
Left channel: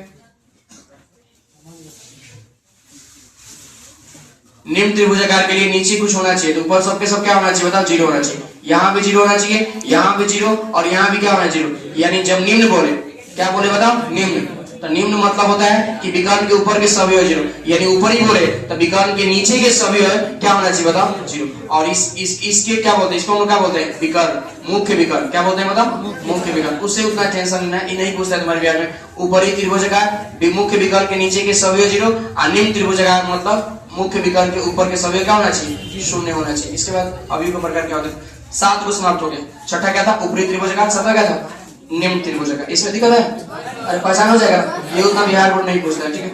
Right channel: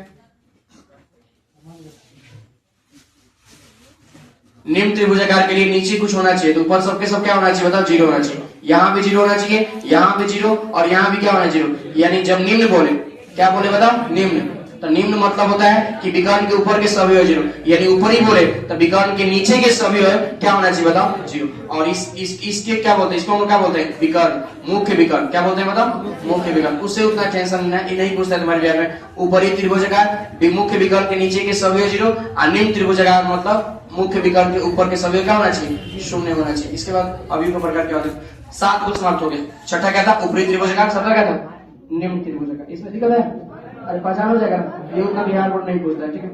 निम्न त्रिभुजाकार के लिए नीचे कुछ होना चाहिए, तो ऊपर सबके सब क्या होना चाहिए बताओ? 0 होना चाहिए। यहाँ भी 0 होना चाहिए, यहाँ भी 0 और यहाँ भी क्या होना चाहिए? यानी जब निम्न बोले, क्या बोले बताओ? निम्न। तो निम्न मतलब होता है कि विकर्ण के ऊपर के सभी 0, यानी ऊपरी बोले तो विकर्ण के नीचे के सभी क्या होना चाहिए बताओ? 0। और इसके क्या बोलते हैं? इसको हम लोग क्या बोलते हैं? विकर्ण, मुख्य विकर्ण। क्या बोलते हैं बताओ? मुख्य विकर्ण। उससे उतना टेंशन नहीं पूछता है तुम्हारे बिहार में। ऊपरी त्रिभुजाकार मुख्य विकर्ण के नीचे के सभी 0, और निम्न त्रिभुजाकार मतलब मुख्य विकर्ण के ऊपर के सभी क्या होना चाहिए? शून्य होना चाहिए। इसके बाद अभी को प्रकार क्या होते हैं? 7 को समाप्त हो गया। छठा क्या था? ऊपरी त्रिभुजाकार। सत्रह क्या था? निम्न त्रिभुजाकार। इसमें दिक्कत है? अरे पहचान हो जाएगा, ये उतना बिहार बोर्ड नहीं पूछता है, ठीक है।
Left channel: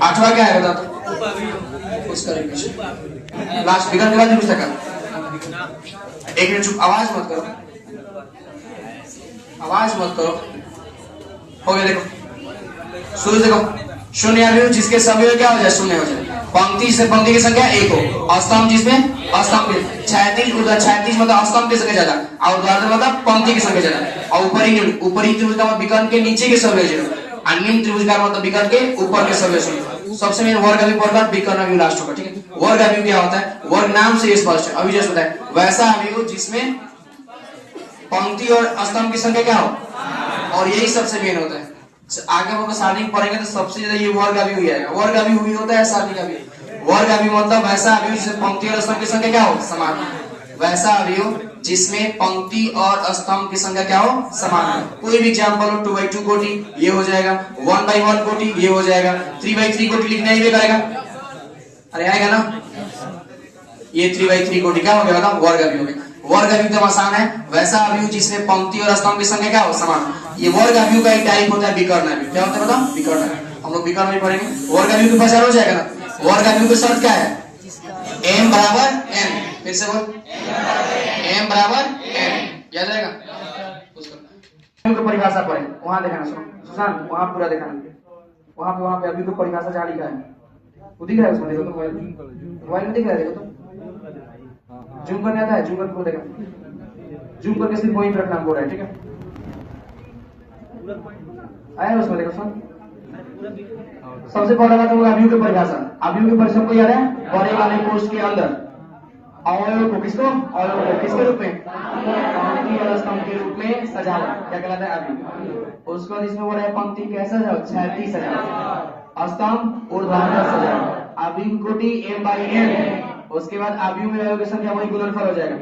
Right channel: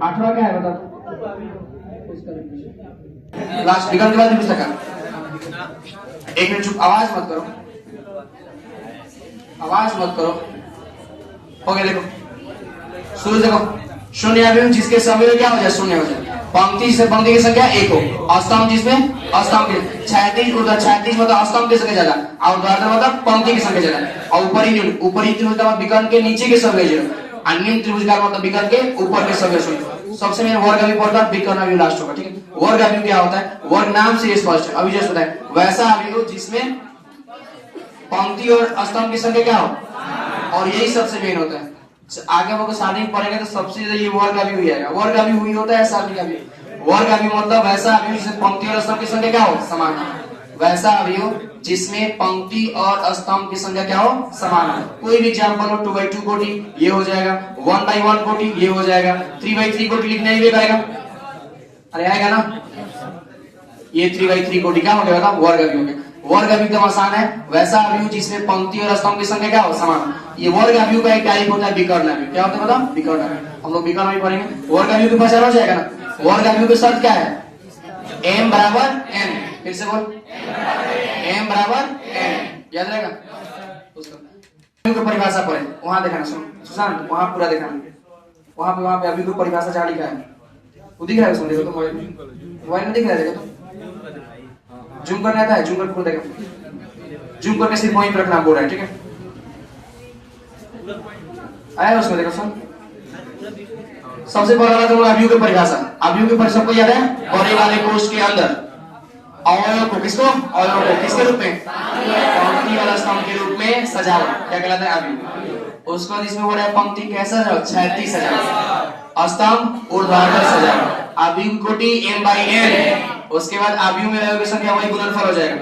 8वां क्या है बताओ? उसका लास्ट विकर्ण के बाद पूछता का? एक मिनट चुप, आवाज मत करो, आवाज मत करो। हो गया, देखो शुरू देखो। शून्य अवयव जिसके सभी क्या हो जाए? शून्य हो जाए। पंक्ति से पंक्ति की संख्या 1 हो, स्तंभ जिसमें स्तंभ 36 मतलब स्तंभ की संख्या ज्यादा, और उदाहरण मतलब पंक्ति की संख्या ज्यादा। और ऊपरी निम्न, ऊपरी त्रिभुजाकार विकर्ण के नीचे के सभी 0, और निम्न त्रिभुजाकार मतलब विकर्ण के ऊपर के सभी 0। सबसे मेन वर्ग अवयव पढ़कर विकर्ण अवयव लास्ट होगा, ठीक है। वर्ग अवयव क्या होता है? वर्ग नाम से स्पष्ट है, अभी जस्ट बताया। वैसा अवयव जिसमें पंक्ति और स्तंभ की संख्या क्या हो, और यही सबसे मेन होता है। आगे हम लोग सारणी पढ़ेंगे तो सबसे ज्यादा ये वर्ग अवयव ही आएगा। वर्ग अवयव ही होता है सारणी अवयव। वर्ग अवयव मतलब वैसा अवयव जिसमें पंक्ति और स्तंभ की संख्या क्या हो? समान। वैसा अवयव जिसमें पंक्ति और स्तंभ की संख्या क्या हो? समान। कोई भी एग्जांपल हो, 2/2 कोटि ये हो जाएगा, 1/1 कोटि ये हो जाएगा, 3/3 कोटि लिखना ही आएगा। अरे आएगा ना? ये 3/3 कोटि क्या हो गया ना? वर्ग अवयव में। वर्ग अवयव एकदम आसान है। वैसा अवयव जिसमें पंक्ति और स्तंभ की संख्या क्या हो? समान। ये वर्ग अवयव का एक टाइप होता है विकर्ण अवयव। क्या होता है बताओ? विकर्ण अवयव। हम लोग विकर्ण अवयव पढ़ेंगे। वर्ग अवयव की पहचान हो जाएगा ना? वर्ग अवयव की शर्त क्या है? m बराबर n। फिर से बोल, m बराबर n। याद रहेगा? उसका परिभाषा पढ़े, वहां देखना सुशांत, वहां पूरा देखना, वहां पे अभी को परिभाषा जहाँ लिखा है वो दिख रहा है उसमें, देखो तो मोबाइल में दिख रहा है, देखो तो जूम करने आता है, जूम कर पूरा देखो, जूम करके सिर्फ वहीं पर रखना बोल रहा है, ठीक है। आया उसमें देखो सुन, सबसे पहला बात हम अवयव की परिभाषा। अवयव की परिभाषा को याद है, बड़े वाले कोष्ठ के अंदर अवयव को किसको, अवयव को किसके रूप में, पंक्ति वाला स्तंभ के रूप में सजाओ, क्या कहलाता है अवयव। उसके बाद इसमें बोला पंक्ति कैसा सजाओ, क्षैतिज सजाओ, स्तंभ ऊर्ध्वाधर सजाओ, अवयव कोटि m/n। उसके बाद अवयव में अवयव की संख्या वही गुणनफल हो जाएगा,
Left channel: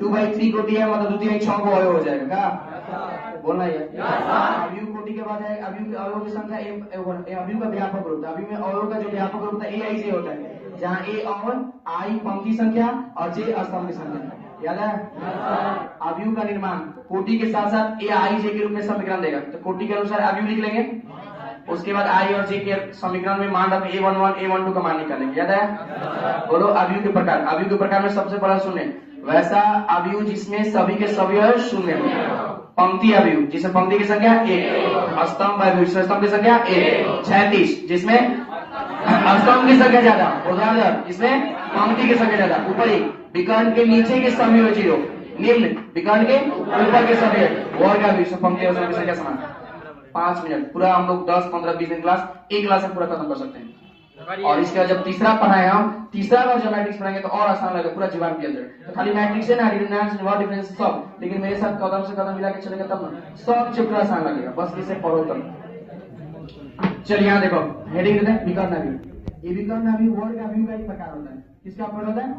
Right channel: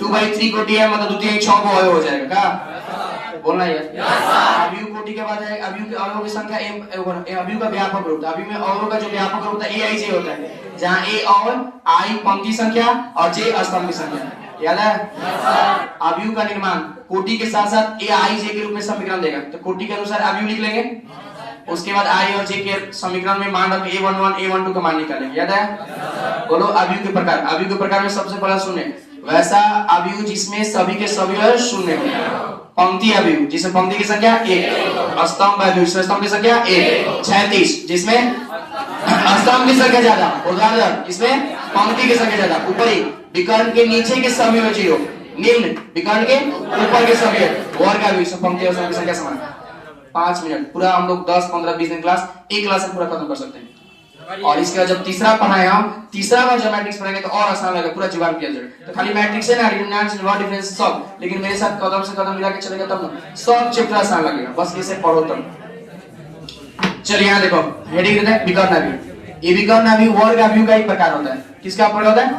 2/3 कोटि है मतलब द्वितीय 6 को अवयव हो जाएगा। क्या बोलना है? अवयव कोटि के बाद है अवयव के अवयव की संख्या अवयव का व्यापक रूप। अवयव में अवयव का जो व्यापक रूप है aij होता है, जहां a अवयव, i पंक्ति संख्या और j स्तंभ की संख्या। याद है? अवयव का निर्माण कोटि के साथ साथ aij के रूप में समीकरण देगा, तो कोटि के अनुसार अवयव लिख लेंगे। उसके बाद i और j के समीकरण में मान रख a11 a12 का मान निकालेंगे। याद है? बोलो अवयव के प्रकार। अवयव के प्रकार में सबसे पहला सुने, वैसा अवयव जिसमें सभी के सभी अवयव शून्य हो। पंक्ति अवयव जिसमें पंक्ति की संख्या 1, स्तंभ अवयव जिसमें स्तंभ की संख्या 1, क्षैतिज जिसमें स्तंभ की संख्या ज्यादा, ऊर्ध्वाधर जिसमें पंक्ति की संख्या ज्यादा, ऊपरी विकर्ण के नीचे के सभी अवयव 0, निम्न विकर्ण के ऊपर के सभी वर्ग अवयव जिसमें पंक्ति और स्तंभ की संख्या समान। 5 मिनट पूरा हम लोग 10 15 20 दिन क्लास एक क्लास में पूरा खत्म कर सकते हैं। और इसके बाद जब तीसरा पढ़ाए हम, तीसरा बार जब मैट्रिक्स पढ़ाएंगे तो और आसान लगेगा, पूरा जीवन किया जाएगा। तो खाली मैट्रिक्स है ना, रिडंडेंस वर्ड डिफरेंस सब, लेकिन मेरे साथ कदम से कदम मिला के चलेगा तब ना सब चैप्टर आसान लगेगा, बस इसे पढ़ो तब। चलिए यहाँ देखो हेडिंग देते हैं विकर्ण अवयव। ये विकर्ण अवयव वर्ग अवयव का एक प्रकार होता है। किसका प्रकार होता है?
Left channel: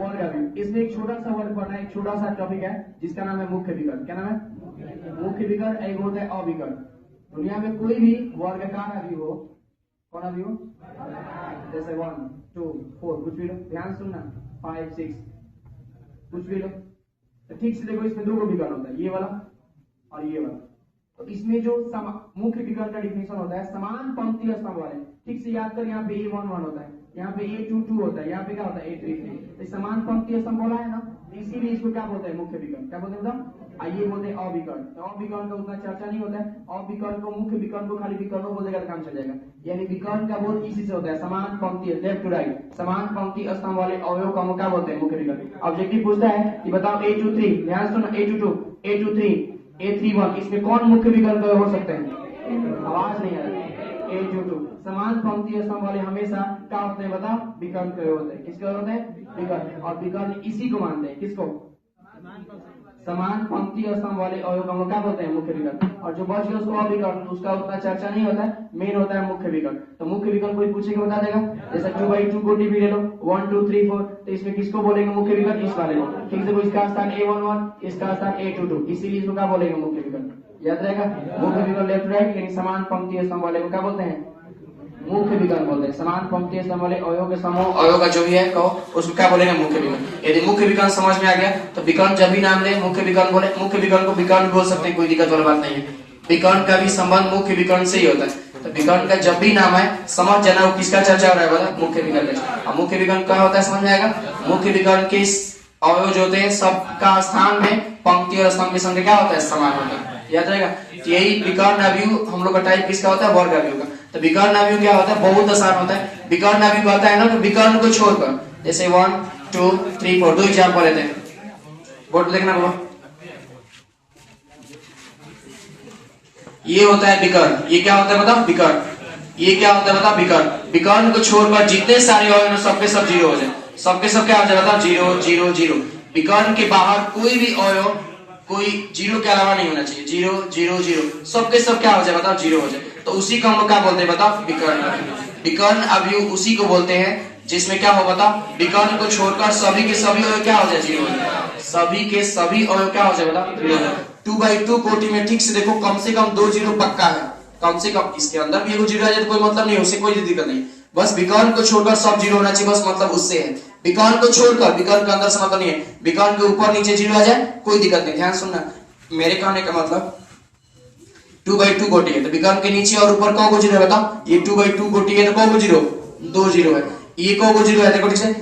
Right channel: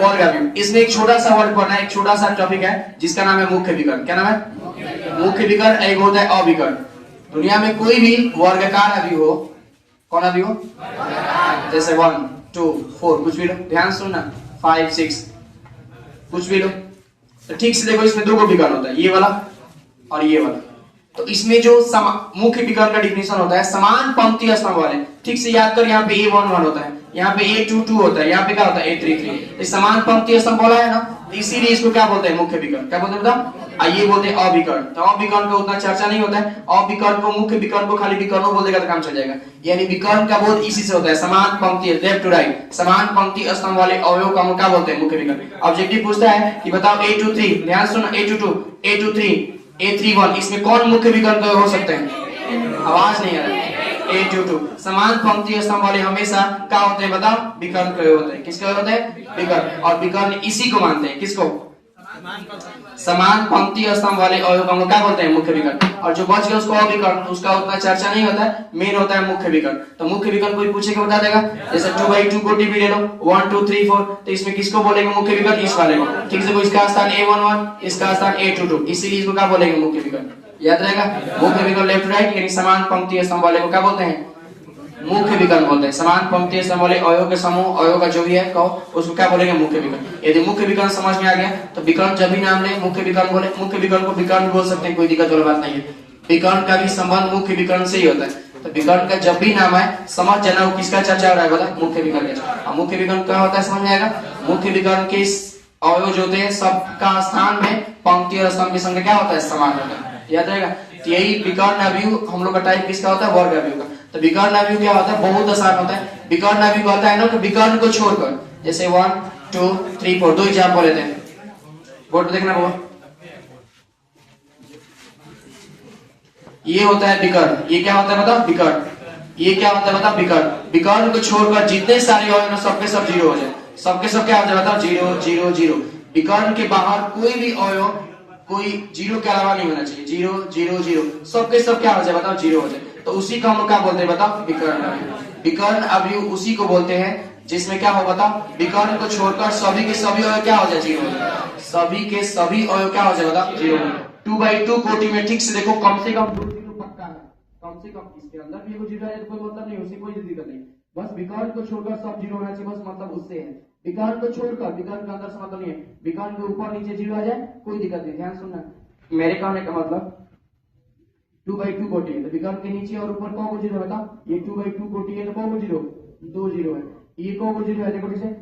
वर्ग अवयव। इसमें एक छोटा सा वर्ड पढ़ना है, एक छोटा सा टॉपिक है जिसका नाम है मुख्य विकर्ण। क्या नाम है? मुख्य विकर्ण। एक होता है अविकर्ण। दुनिया में कोई भी वर्गाकार अवयव हो, कौन अवयव हो? जैसे 1 2 4 कुछ भी लो, ध्यान सुनना, 5 6 कुछ भी लो, तो ठीक से देखो इसमें दो को विकर्ण होता है, ये वाला और ये वाला। तो इसमें जो मुख्य विकर्ण का डिफिनेशन होता है समान पंक्ति स्तंभ वाले। ठीक से याद कर, यहाँ पे a11 होता है, यहाँ पे a22 होता है, यहाँ पे क्या होता है a33। समान पंक्ति स्तंभ वाला है ना, इसीलिए इसको क्या बोलते हैं? मुख्य विकर्ण। क्या बोलते हैं बताओ? आइए बोलते हैं अविकर्ण। तो अविकर्ण का उतना चर्चा नहीं होता है। अविकर्ण को मुख्य विकर्ण को खाली विकर्ण बोल देगा तो काम चल जाएगा। यानी विकर्ण का बोध इसी से होता है, समान पंक्ति लेफ्ट टू राइट, समान पंक्ति स्तंभ वाले अवयव का क्या बोलते हैं? मुख्य विकर्ण। ऑब्जेक्टिव पूछता है कि बताओ a23, ध्यान सुनो, a22 a23 a31 इसमें कौन मुख्य विकर्ण हो सकते हैं? आवाज नहीं आ रहा है। a22 समान पंक्ति स्तंभ वाले हमेशा क्या होते हैं बताओ? विकर्ण के होते हैं। किसके होते हैं? विकर्ण। और विकर्ण इसी को मानते हैं, किसको? समान पंक्ति स्तंभ वाले अवयव को हम लोग क्या बोलते हैं? मुख्य विकर्ण। और जो बच गया उसको अविकर्ण, उसका उतना चर्चा नहीं होता है, मेन होता है मुख्य विकर्ण। तो मुख्य विकर्ण कोई पूछेगा बता देगा, जैसे 2/2 कोटि भी ले लो, 1 2 3 4, तो इसमें किसको बोलेंगे मुख्य विकर्ण? इस वाले को। ठीक से, इसका स्थान a11, इसका स्थान a22, इसीलिए इसको क्या बोलेंगे? मुख्य विकर्ण। याद रहेगा, मुख्य विकर्ण लेफ्ट राइट यानी समान पंक्ति स्तंभ वाले को क्या बोलते हैं? मुख्य विकर्ण बोलते हैं। समान पंक्ति स्तंभ वाले अवयव के समूह, अवयव का जो भी है कहो, उसको क्या बोलेंगे? मुख्य विकर्ण। यदि मुख्य विकर्ण समझ में आ गया तो विकर्ण जब भी नाम ले मुख्य विकर्ण बोले, मुख्य विकर्ण को विकर्ण बोल सकते हैं, कोई दिक्कत वाली बात नहीं है। विकर्ण का भी संबंध मुख्य विकर्ण से ही होता है। तो विकर्ण का जब भी नाम है समझ जाना वो किसका चर्चा हो रहा है बता? मुख्य विकर्ण का। मुख्य विकर्ण क्या होता है समझ में आएगा? मुख्य विकर्ण के अवयव जो होते हैं सबका स्थान में पंक्ति और स्तंभ की संख्या क्या होता है? समान होता है। याद रहेगा। यही विकर्ण अवयव हम लोग का टाइप किसका होता है? वर्ग अवयव का। तो विकर्ण अवयव क्या होता है? बहुत आसान होता है। विकर्ण अवयव होता है ना, तो विकर्ण को छोड़कर जैसे 1 2 3 4 दो एग्जांपल लेते हैं, बोर्ड देखना वो। ये होता है विकर्ण। ये क्या होता है बताओ? विकर्ण। ये क्या होता है बताओ? विकर्ण। विकर्ण को छोड़कर जितने सारे अवयव सबके सब 0 हो जाए, सबके सब क्या हो जाए बताओ? 0 0 0। विकर्ण के बाहर कोई भी अवयव कोई 0 के अलावा नहीं होना चाहिए। 0 0 0 सबके सब क्या हो जाए बताओ? 0 हो जाए। तो उसी को हम लोग क्या बोलते हैं बताओ? विकर्ण। विकर्ण अवयव उसी को बोलते हैं जिसमें क्या हो बताओ? विकर्ण को छोड़कर सभी के सभी अवयव क्या हो जाए? 0 हो जाए। सभी के सभी अवयव क्या हो जाए बताओ? 0 हो जाए। 2/2 कोटि में ठीक से देखो, कम से कम 2 0 पक्का है, कम से कम। इसके अंदर भी 0 आ जाए तो कोई मतलब नहीं, उससे कोई दिक्कत नहीं। बस विकर्ण को छोड़कर सब 0 होना चाहिए, बस मतलब उससे है। विकर्ण को छोड़कर, विकर्ण के अंदर से मतलब नहीं है, विकर्ण के ऊपर नीचे 0 आ जाए कोई दिक्कत नहीं। ध्यान सुनना, मेरे कहने का मतलब 2/2 कोटि है तो विकर्ण के नीचे और ऊपर कौन को 0 है बताओ? ये 2/2 कोटि है तो कौन को 0? 2 0 है। ये कौन को 0 है? देखो ठीक से,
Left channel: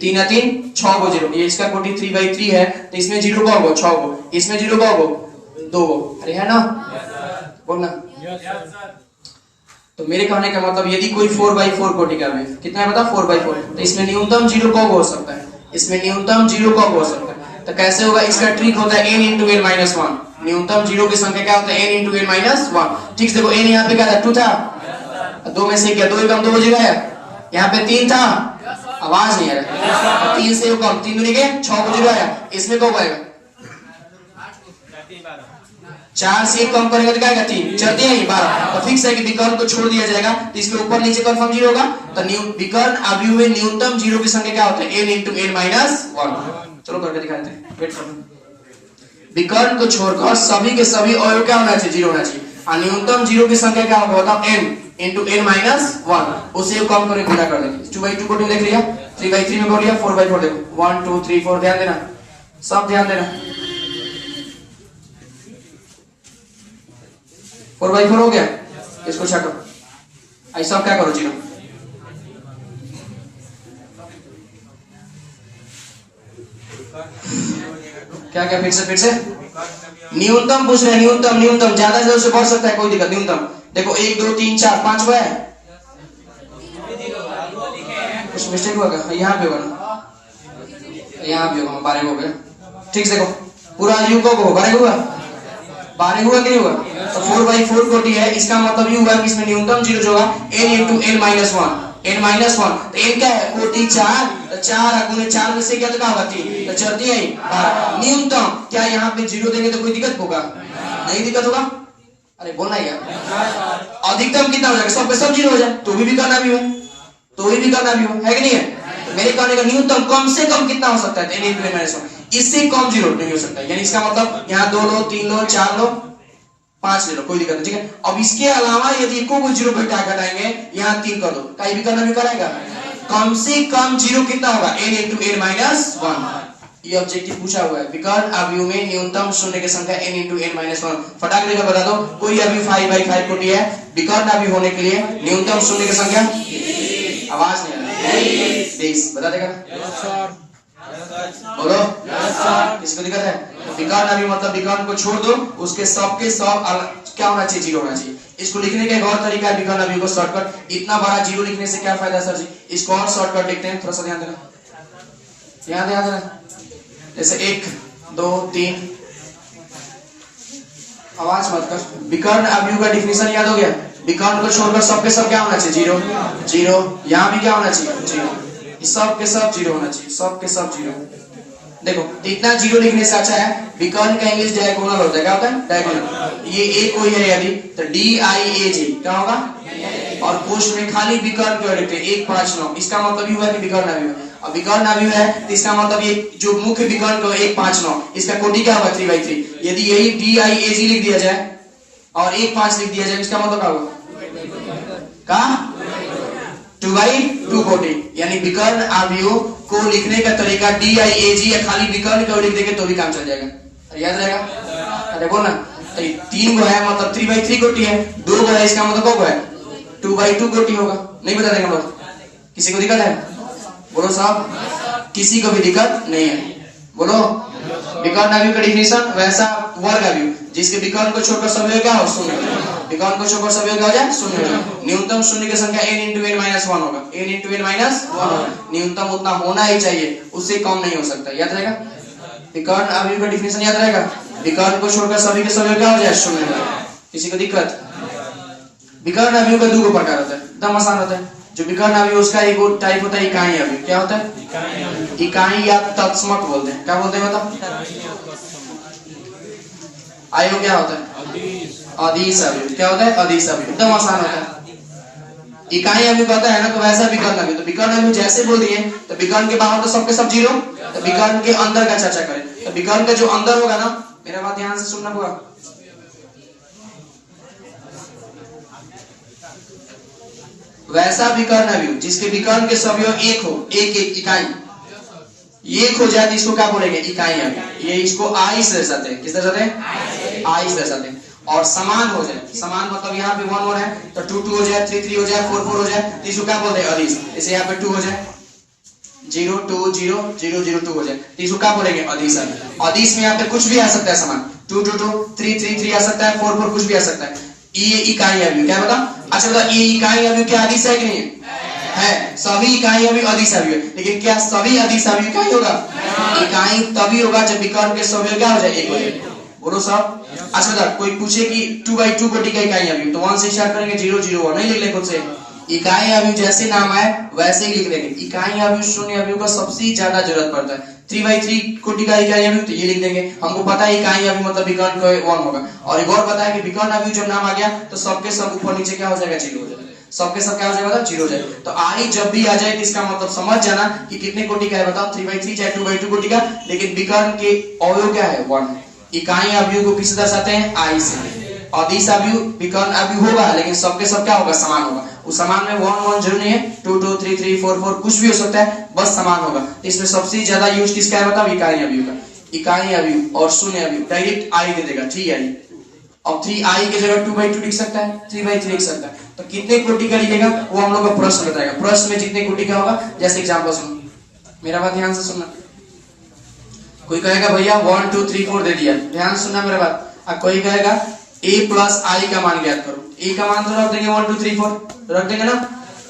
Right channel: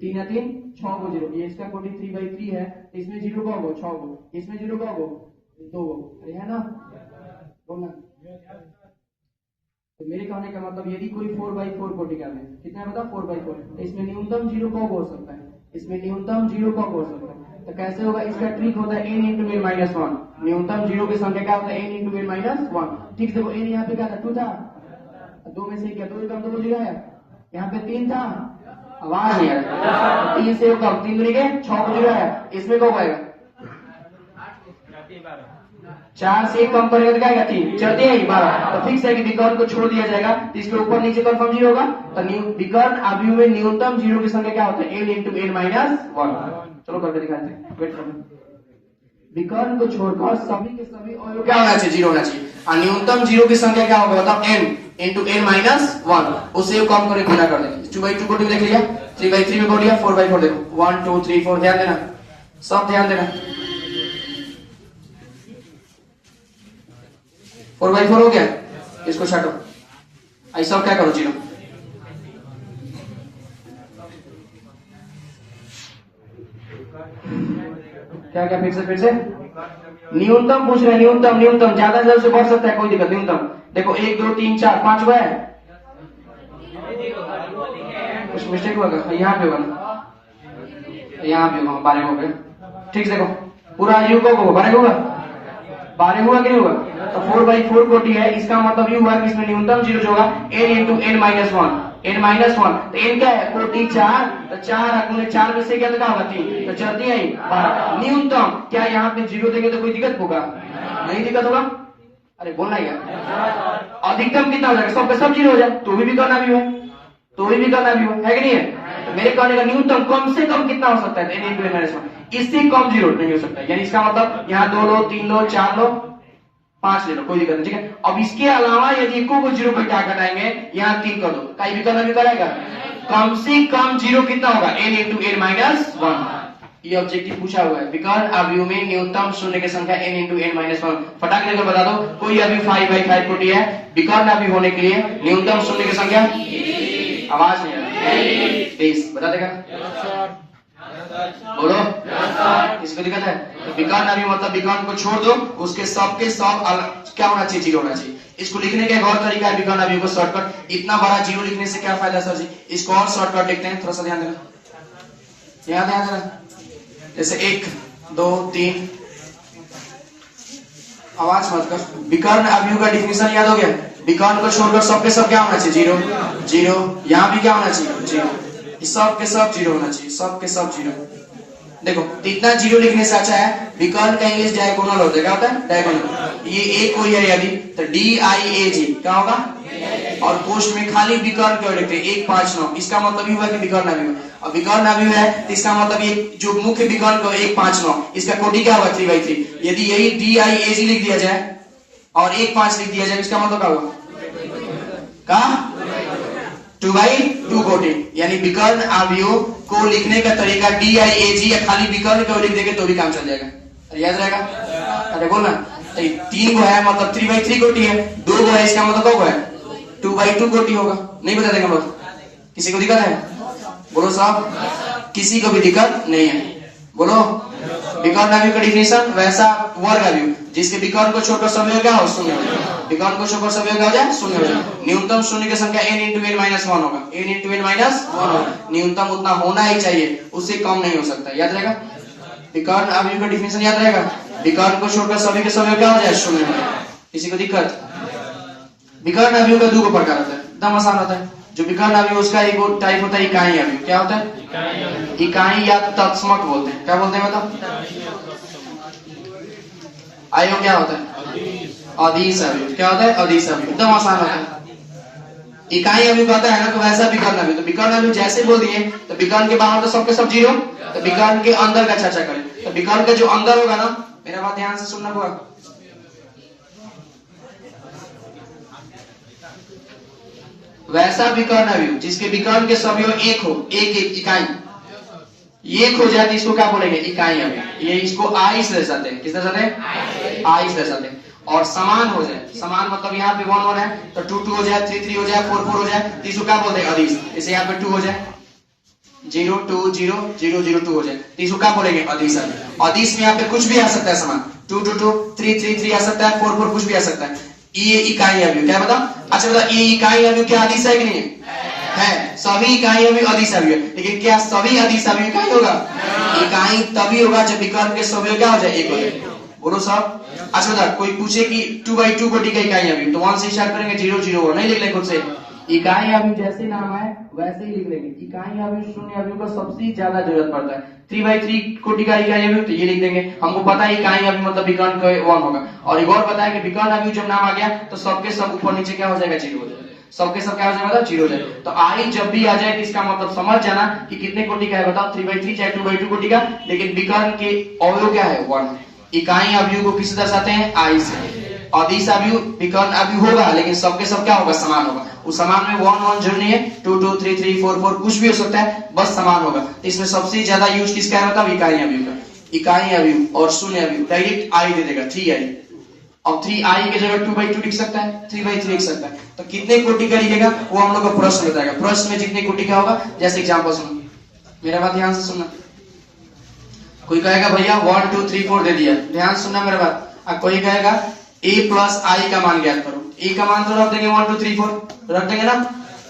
3 या 3 6 को 0। ये इसका कोटि 3/3 है तो इसमें 0 कौन को? 6 को। इसमें 0 कौन को? 2 को। अरे है ना, बोलना। तो मेरे कहने का मतलब यदि कोई 4/4 कोटि का है, कितना है बताओ? 4/4, तो इसमें न्यूनतम 0 कौन हो सकता है? इसमें न्यूनतम 0 कौन हो सकता है? तो कैसे होगा? इसका ट्रिक होता है n × n - 1। न्यूनतम 0 की संख्या क्या होता है? n × n - 1। ठीक से देखो, n यहाँ पे क्या था? 2 था, 2 में से 1 गया, 2 एकम 2 जीरो आया। यहाँ पे 3 था, आवाज नहीं आ रहा। 3 से कम, 3 दूनी के 6 को जीरो आया। इसमें कब आएगा? 4 से 1 कम करेंगे तो क्या आएगा? 3 चलते हैं 12। तो फिक्स है कि विकर्ण को छोड़ दिया जाएगा, तो इसके ऊपर नीचे कन्फर्म जीरो होगा। तो विकर्ण अवयव में न्यूनतम जीरो की संख्या क्या होता है? n into n minus 1। चलो करके दिखाते हैं, वेट करो। विकर्ण को छोड़कर सभी के सभी अवयव क्या होना चाहिए? जीरो होना चाहिए। और न्यूनतम जीरो की संख्या क्या होगा बताओ? n into n minus 1। उसे कम करके गुणा कर देंगे। 2/2 को 2 देख लिया, 3/3 में कर लिया, 4/4 देखो, 1 2 3 4। ध्यान देना, सब ध्यान देना। 4/4 हो गया, इसको छाटो। ऐसा क्या करो? जीरो क्या क्या? फिर से न्यूनतम पूछ रहे हैं। न्यूनतम ज्यादा से ज्यादा बढ़ सकता है, कोई दिक्कत। न्यूनतम देखो 1 2 3 4 5 हुआ है। कुछ मिस्टेक हुआ क्या? यहाँ पे होगा ना, यहाँ भी होगा। 12 हो गया, ठीक से देखो। पूरा यू को 12 होगा, 12 हुआ कि नहीं हुआ? तो 4/4 कोटि है। इसका मतलब ये हुआ कि इसमें न्यूनतम जीरो जो होगा n into n minus 1। n minus 1 तो n क्या है? कोटि 4। तो 4 गुने 4 में से क्या तो क्या होगा? 3। तो चलती है 12। न्यूनतम क्या यहाँ पे जीरो देंगे तो कोई दिक्कत होगा? नहीं दिक्कत होगा। अरे बोलना यार। अधिकतम कितना हो जाएगा? सब सब जीरो हो जाए तो भी करना भी है, तो भी करना भी है कि नहीं है? तो मेरे कहने का न्यूनतम कम से कम कितना हो सकता है? n into n minus 1। इससे कम जीरो नहीं हो सकता। यानी इसका मतलब यहाँ 2 लो, 3 लो, 4 लो, 5 ले लो, कोई दिक्कत नहीं, ठीक है। अब इसके अलावा यदि एको को जीरो घटा घटाएंगे, यहाँ 3 कर दो, कहीं भी करना भी कराएगा। कम से कम जीरो कितना होगा? n into n minus 1। ये ऑब्जेक्टिव पूछा हुआ है। विकर्ण अवयव में न्यूनतम शून्य की संख्या n इंटू n माइनस 1। फटाक लेकर बता दो, कोई अवयव 5/5 कोटि है, विकर्ण अवयव होने के लिए न्यूनतम शून्य की संख्या, आवाज नहीं आ रही, 20। बता देगा? बोलो, किसको दिक्कत है? तो विकर्ण अवयव मतलब विकर्ण को छोड़ दो, उसके सब के सब क्या होना चाहिए? जीरो होना चाहिए। इसको लिखने का एक और तरीका है विकर्ण अवयव को शॉर्टकट। इतना बड़ा जीरो लिखने से क्या फायदा सर जी? इसको और शॉर्टकट लिखते हैं, थोड़ा सा ध्यान देना, ध्यान देना। जैसे 1 2 3, आवाज मत कर। विकर्ण अवयव का डिफिनेशन याद हो गया? विकर्ण को छोड़कर सब के सब क्या होना चाहिए? Zero zero. यहाँ भी क्या होना चाहिए? जीरो। सब के सब जीरो होना चाहिए, सब के सब जीरो। देखो इतना जीरो लिखने से अच्छा है विकर्ण का इंग्लिश डायगोनल होता है। क्या होता है? डायगोनल। ये एक कोई है यदि तो DIAG क्या होगा? और कोष्ठ में खाली विकर्ण क्यों लिखते हैं? 1 5 9। इसका मतलब ये हुआ कि विकर्ण अवयव। अब विकर्ण अवयव है तो इसका मतलब ये जो मुख्य विकर्ण का 1 5 9, इसका कोटि क्या होगा? 3/3। यदि यही DIAG लिख दिया जाए और 1 5 लिख दिया जाए, इसका मतलब क्या होगा? कहा 2/2 कोटि। यानी विकर्ण अवयव को लिखने का तरीका DIAG या खाली विकर्ण को लिख देंगे तो भी काम चल जाएगा। तो याद रहेगा? अरे बोलना, 3 को है मतलब 3/3 कोटि है, 2 को है इसका मतलब क्या है? 2/2 कोटि होगा। नहीं बता देंगे बात? किसी को दिक्कत है? बोलो साहब, किसी को भी दिक्कत नहीं है? बोलो। विकर्ण अवयव का डिफिनेशन वैसा वर्ग अवयव जिसके विकर्ण को छोड़कर सभी क्या हो? शून्य। विकर्ण को छोड़कर सभी क्या हो जाए? शून्य हो जाए। न्यूनतम शून्य की संख्या n इंटू n माइनस 1 होगा। n इंटू n माइनस 1 होगा। न्यूनतम उतना होना ही चाहिए, उससे कम नहीं हो सकता। याद रहेगा? विकर्ण अवयव का डिफिनेशन याद रहेगा? विकर्ण को छोड़कर सभी के सभी क्या हो जाए? शून्य हो जाए। किसी को दिक्कत? विकर्ण अवयव का 2 प्रकार होता है, एकदम आसान होता है। जो विकर्ण अवयव उसका एक टाइप होता है इकाई अवयव। क्या होता है? इकाई या तत्समक बोलते हैं। क्या बोलते हैं मतलब? अवयव क्या होता है? अदिश अवयव। क्या होता है? अदिश अवयव। एकदम आसान होता है। इकाई अवयव कहता है ना तो वैसा विकर्ण अवयव। तो विकर्ण अवयव जैसे बोल दिए तो विकर्ण के बाहर तो सबके सब जीरो, तो विकर्ण के अंदर का चर्चा करें। तो विकर्ण के जो अंदर होगा ना, मेरा बात ध्यान से सुनना होगा। वैसा विकर्ण अवयव जिसके विकर्ण के सभी एक हो, एक इकाई एक हो जाए तो इसको क्या बोलेंगे? इकाई अवयव। ये इसको आई से दर्शाते हैं। किस दर्शाते हैं? आई से दर्शाते हैं। और समान हो जाए, समान मतलब यहाँ पे 1 1 है तो 2 2 हो जाए, 3 3 हो जाए, 4 4 हो जाए, तो इसको क्या बोलते हैं? अदिश। जैसे यहाँ पे 2 हो जाए, 0 2 0 0 0 2 हो जाए, तो इसको क्या बोलेंगे? अदिश अवयव। अदिश में यहाँ पे कुछ भी आ सकता है समान, 2 2 2 3 3 3 आ सकता है, 4 4 कुछ भी आ सकता है। ये इकाई अवयव। क्या बता? अच्छा बता, ये इकाई अवयव क्या अदिश है कि नहीं है? सभी इकाई अवयव अदिश अवयव। लेकिन क्या सभी अदिश अवयव इकाई होगा? इकाई तभी होगा जब विकर्ण के सभी क्या हो जाए? एक हो जाए। बोलो साहब। अच्छा बता, कोई पूछे कि 2/2 कोटि का इकाई अवयव, तो 1 से स्टार्ट करेंगे, 0 0 1 नहीं लिख ले खुद से। इकाई अवयव जैसे नाम है वैसे ही लिख देंगे। इकाई अवयव शून्य अवयव का सबसे ज्यादा जरूरत पड़ता है। 3/3 कोटि का इकाई अवयव, तो ये लिख देंगे। हमको पता है इकाई अवयव मतलब विकर्ण का 1 होगा। और एक और पता है कि विकर्ण अवयव जब नाम आ गया तो सबके सब ऊपर नीचे क्या हो जाएगा, 0 हो जाएगा। सबके सब क्या हो जाएगा, 0 हो जाएगा। तो आई जब भी आ जाए तो इसका मतलब समझ जाना कि कितने कोटि का है, बताओ 3/3 चाहे 2/2 कोटि का, लेकिन विकर्ण के अवयव क्या है, 1। इकाई अवयव को किससे दर्शाते हैं, आई से। अदिश अवयव विकर्ण अवयव होगा, लेकिन सबके सब क्या होगा, समान होगा। उस समान में 1 1 जरूरी नहीं है, 2 2 3 3 4 4 कुछ भी हो सकता है, बस समान होगा। इसमें सबसे ज्यादा यूज किसका है, मतलब इकाई अवयव का। इकाई अवयव और शून्य अवयव डायरेक्ट आई दे देगा, 3i। अब 3i की जगह 2/2 लिख सकता है, 3/3 लिख सकता है। तो कितने कोटि का लिखेगा वो हम लोग का प्रश्न बताएगा। प्रश्न में जितने कोटि का होगा, जैसे एग्जांपल सुनो, मेरा बात ध्यान से सुनना। कोई कहेगा भैया 1 2 3 4 दे दिया, ध्यान सुनना मेरे बात। कोई कहेगा a प्लस i का मान ज्ञात करो, a का मान तो रख देंगे 1 2 3 4 रख देंगे ना।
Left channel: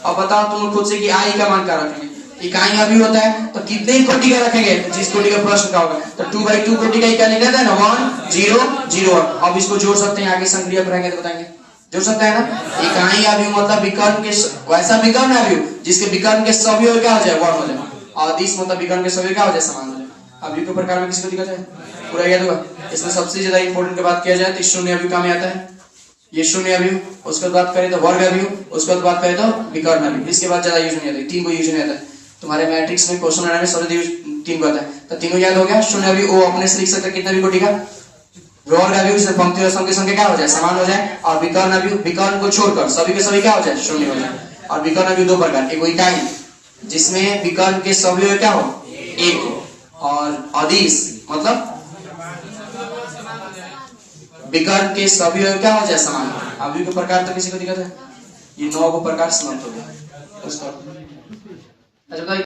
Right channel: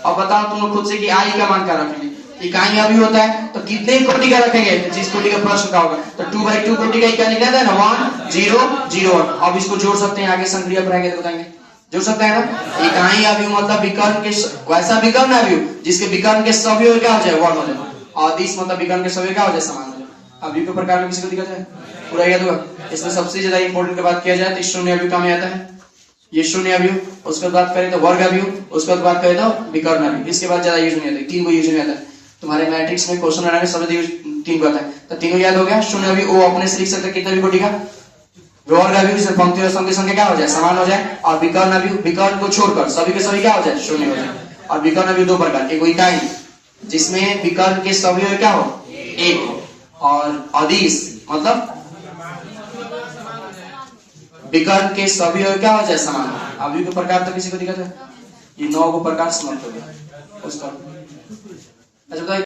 और बताओ तुम खुद से कि i का मान क्या रखेंगे। इकाई अभी होता है तो कितने कोटि का रखेंगे, तो जिस कोटि का प्रश्न का होगा। तो 2/2 कोटि का इकाई लिखा था ना, 1 0 0 1। अब इसको जोड़ सकते हैं, आगे संक्रिया बनाएंगे तो बताएंगे, जोड़ सकते हैं ना। इकाई अवयव मतलब विकर्ण के वैसा विकर्ण अवयव जिसके विकर्ण के सभी क्या हो जाए, 1 हो जाए। अदिश मतलब विकर्ण के सभी क्या हो जाए, समान हो जाए। अवयव के प्रकार में किसी को दिक्कत है, पूरा याद होगा। इसमें सबसे ज्यादा इंपोर्टेंट की बात किया जाए तो शून्य अवयव का में आता है, ये शून्य अवयव। उसके बाद बात करें तो वर्ग अवयव, उसके बाद बात करें तो विकर्ण अवयव। इसके बाद ज्यादा यूज नहीं आता, 3 को यूज नहीं आता है। तुम्हारे मैट्रिक्स में क्वेश्चन बनाने सब 3 को आता है। तो 3 याद हो गया। शून्य अवयव वो अपने से लिख सकते कितने भी कोटि का। वर्ग अवयव से पंक्ति और स्तंभ की संख्या क्या हो जाए, समान हो जाए। और विकर्ण अवयव विकर्ण को छोड़कर सभी के सभी क्या हो जाए, शून्य हो जाए। और विकर्ण अवयव 2 प्रकार, एक इकाई जिसमें विकर्ण के सभी क्या हो, 1 हो। और अदिश मतलब विकर्ण के सभी क्या हो जाए, समान। अवयव के प्रकार तो किसी को दिक्कत है, ये 9 को प्रकार समाप्त हो गया उसका। अच्छा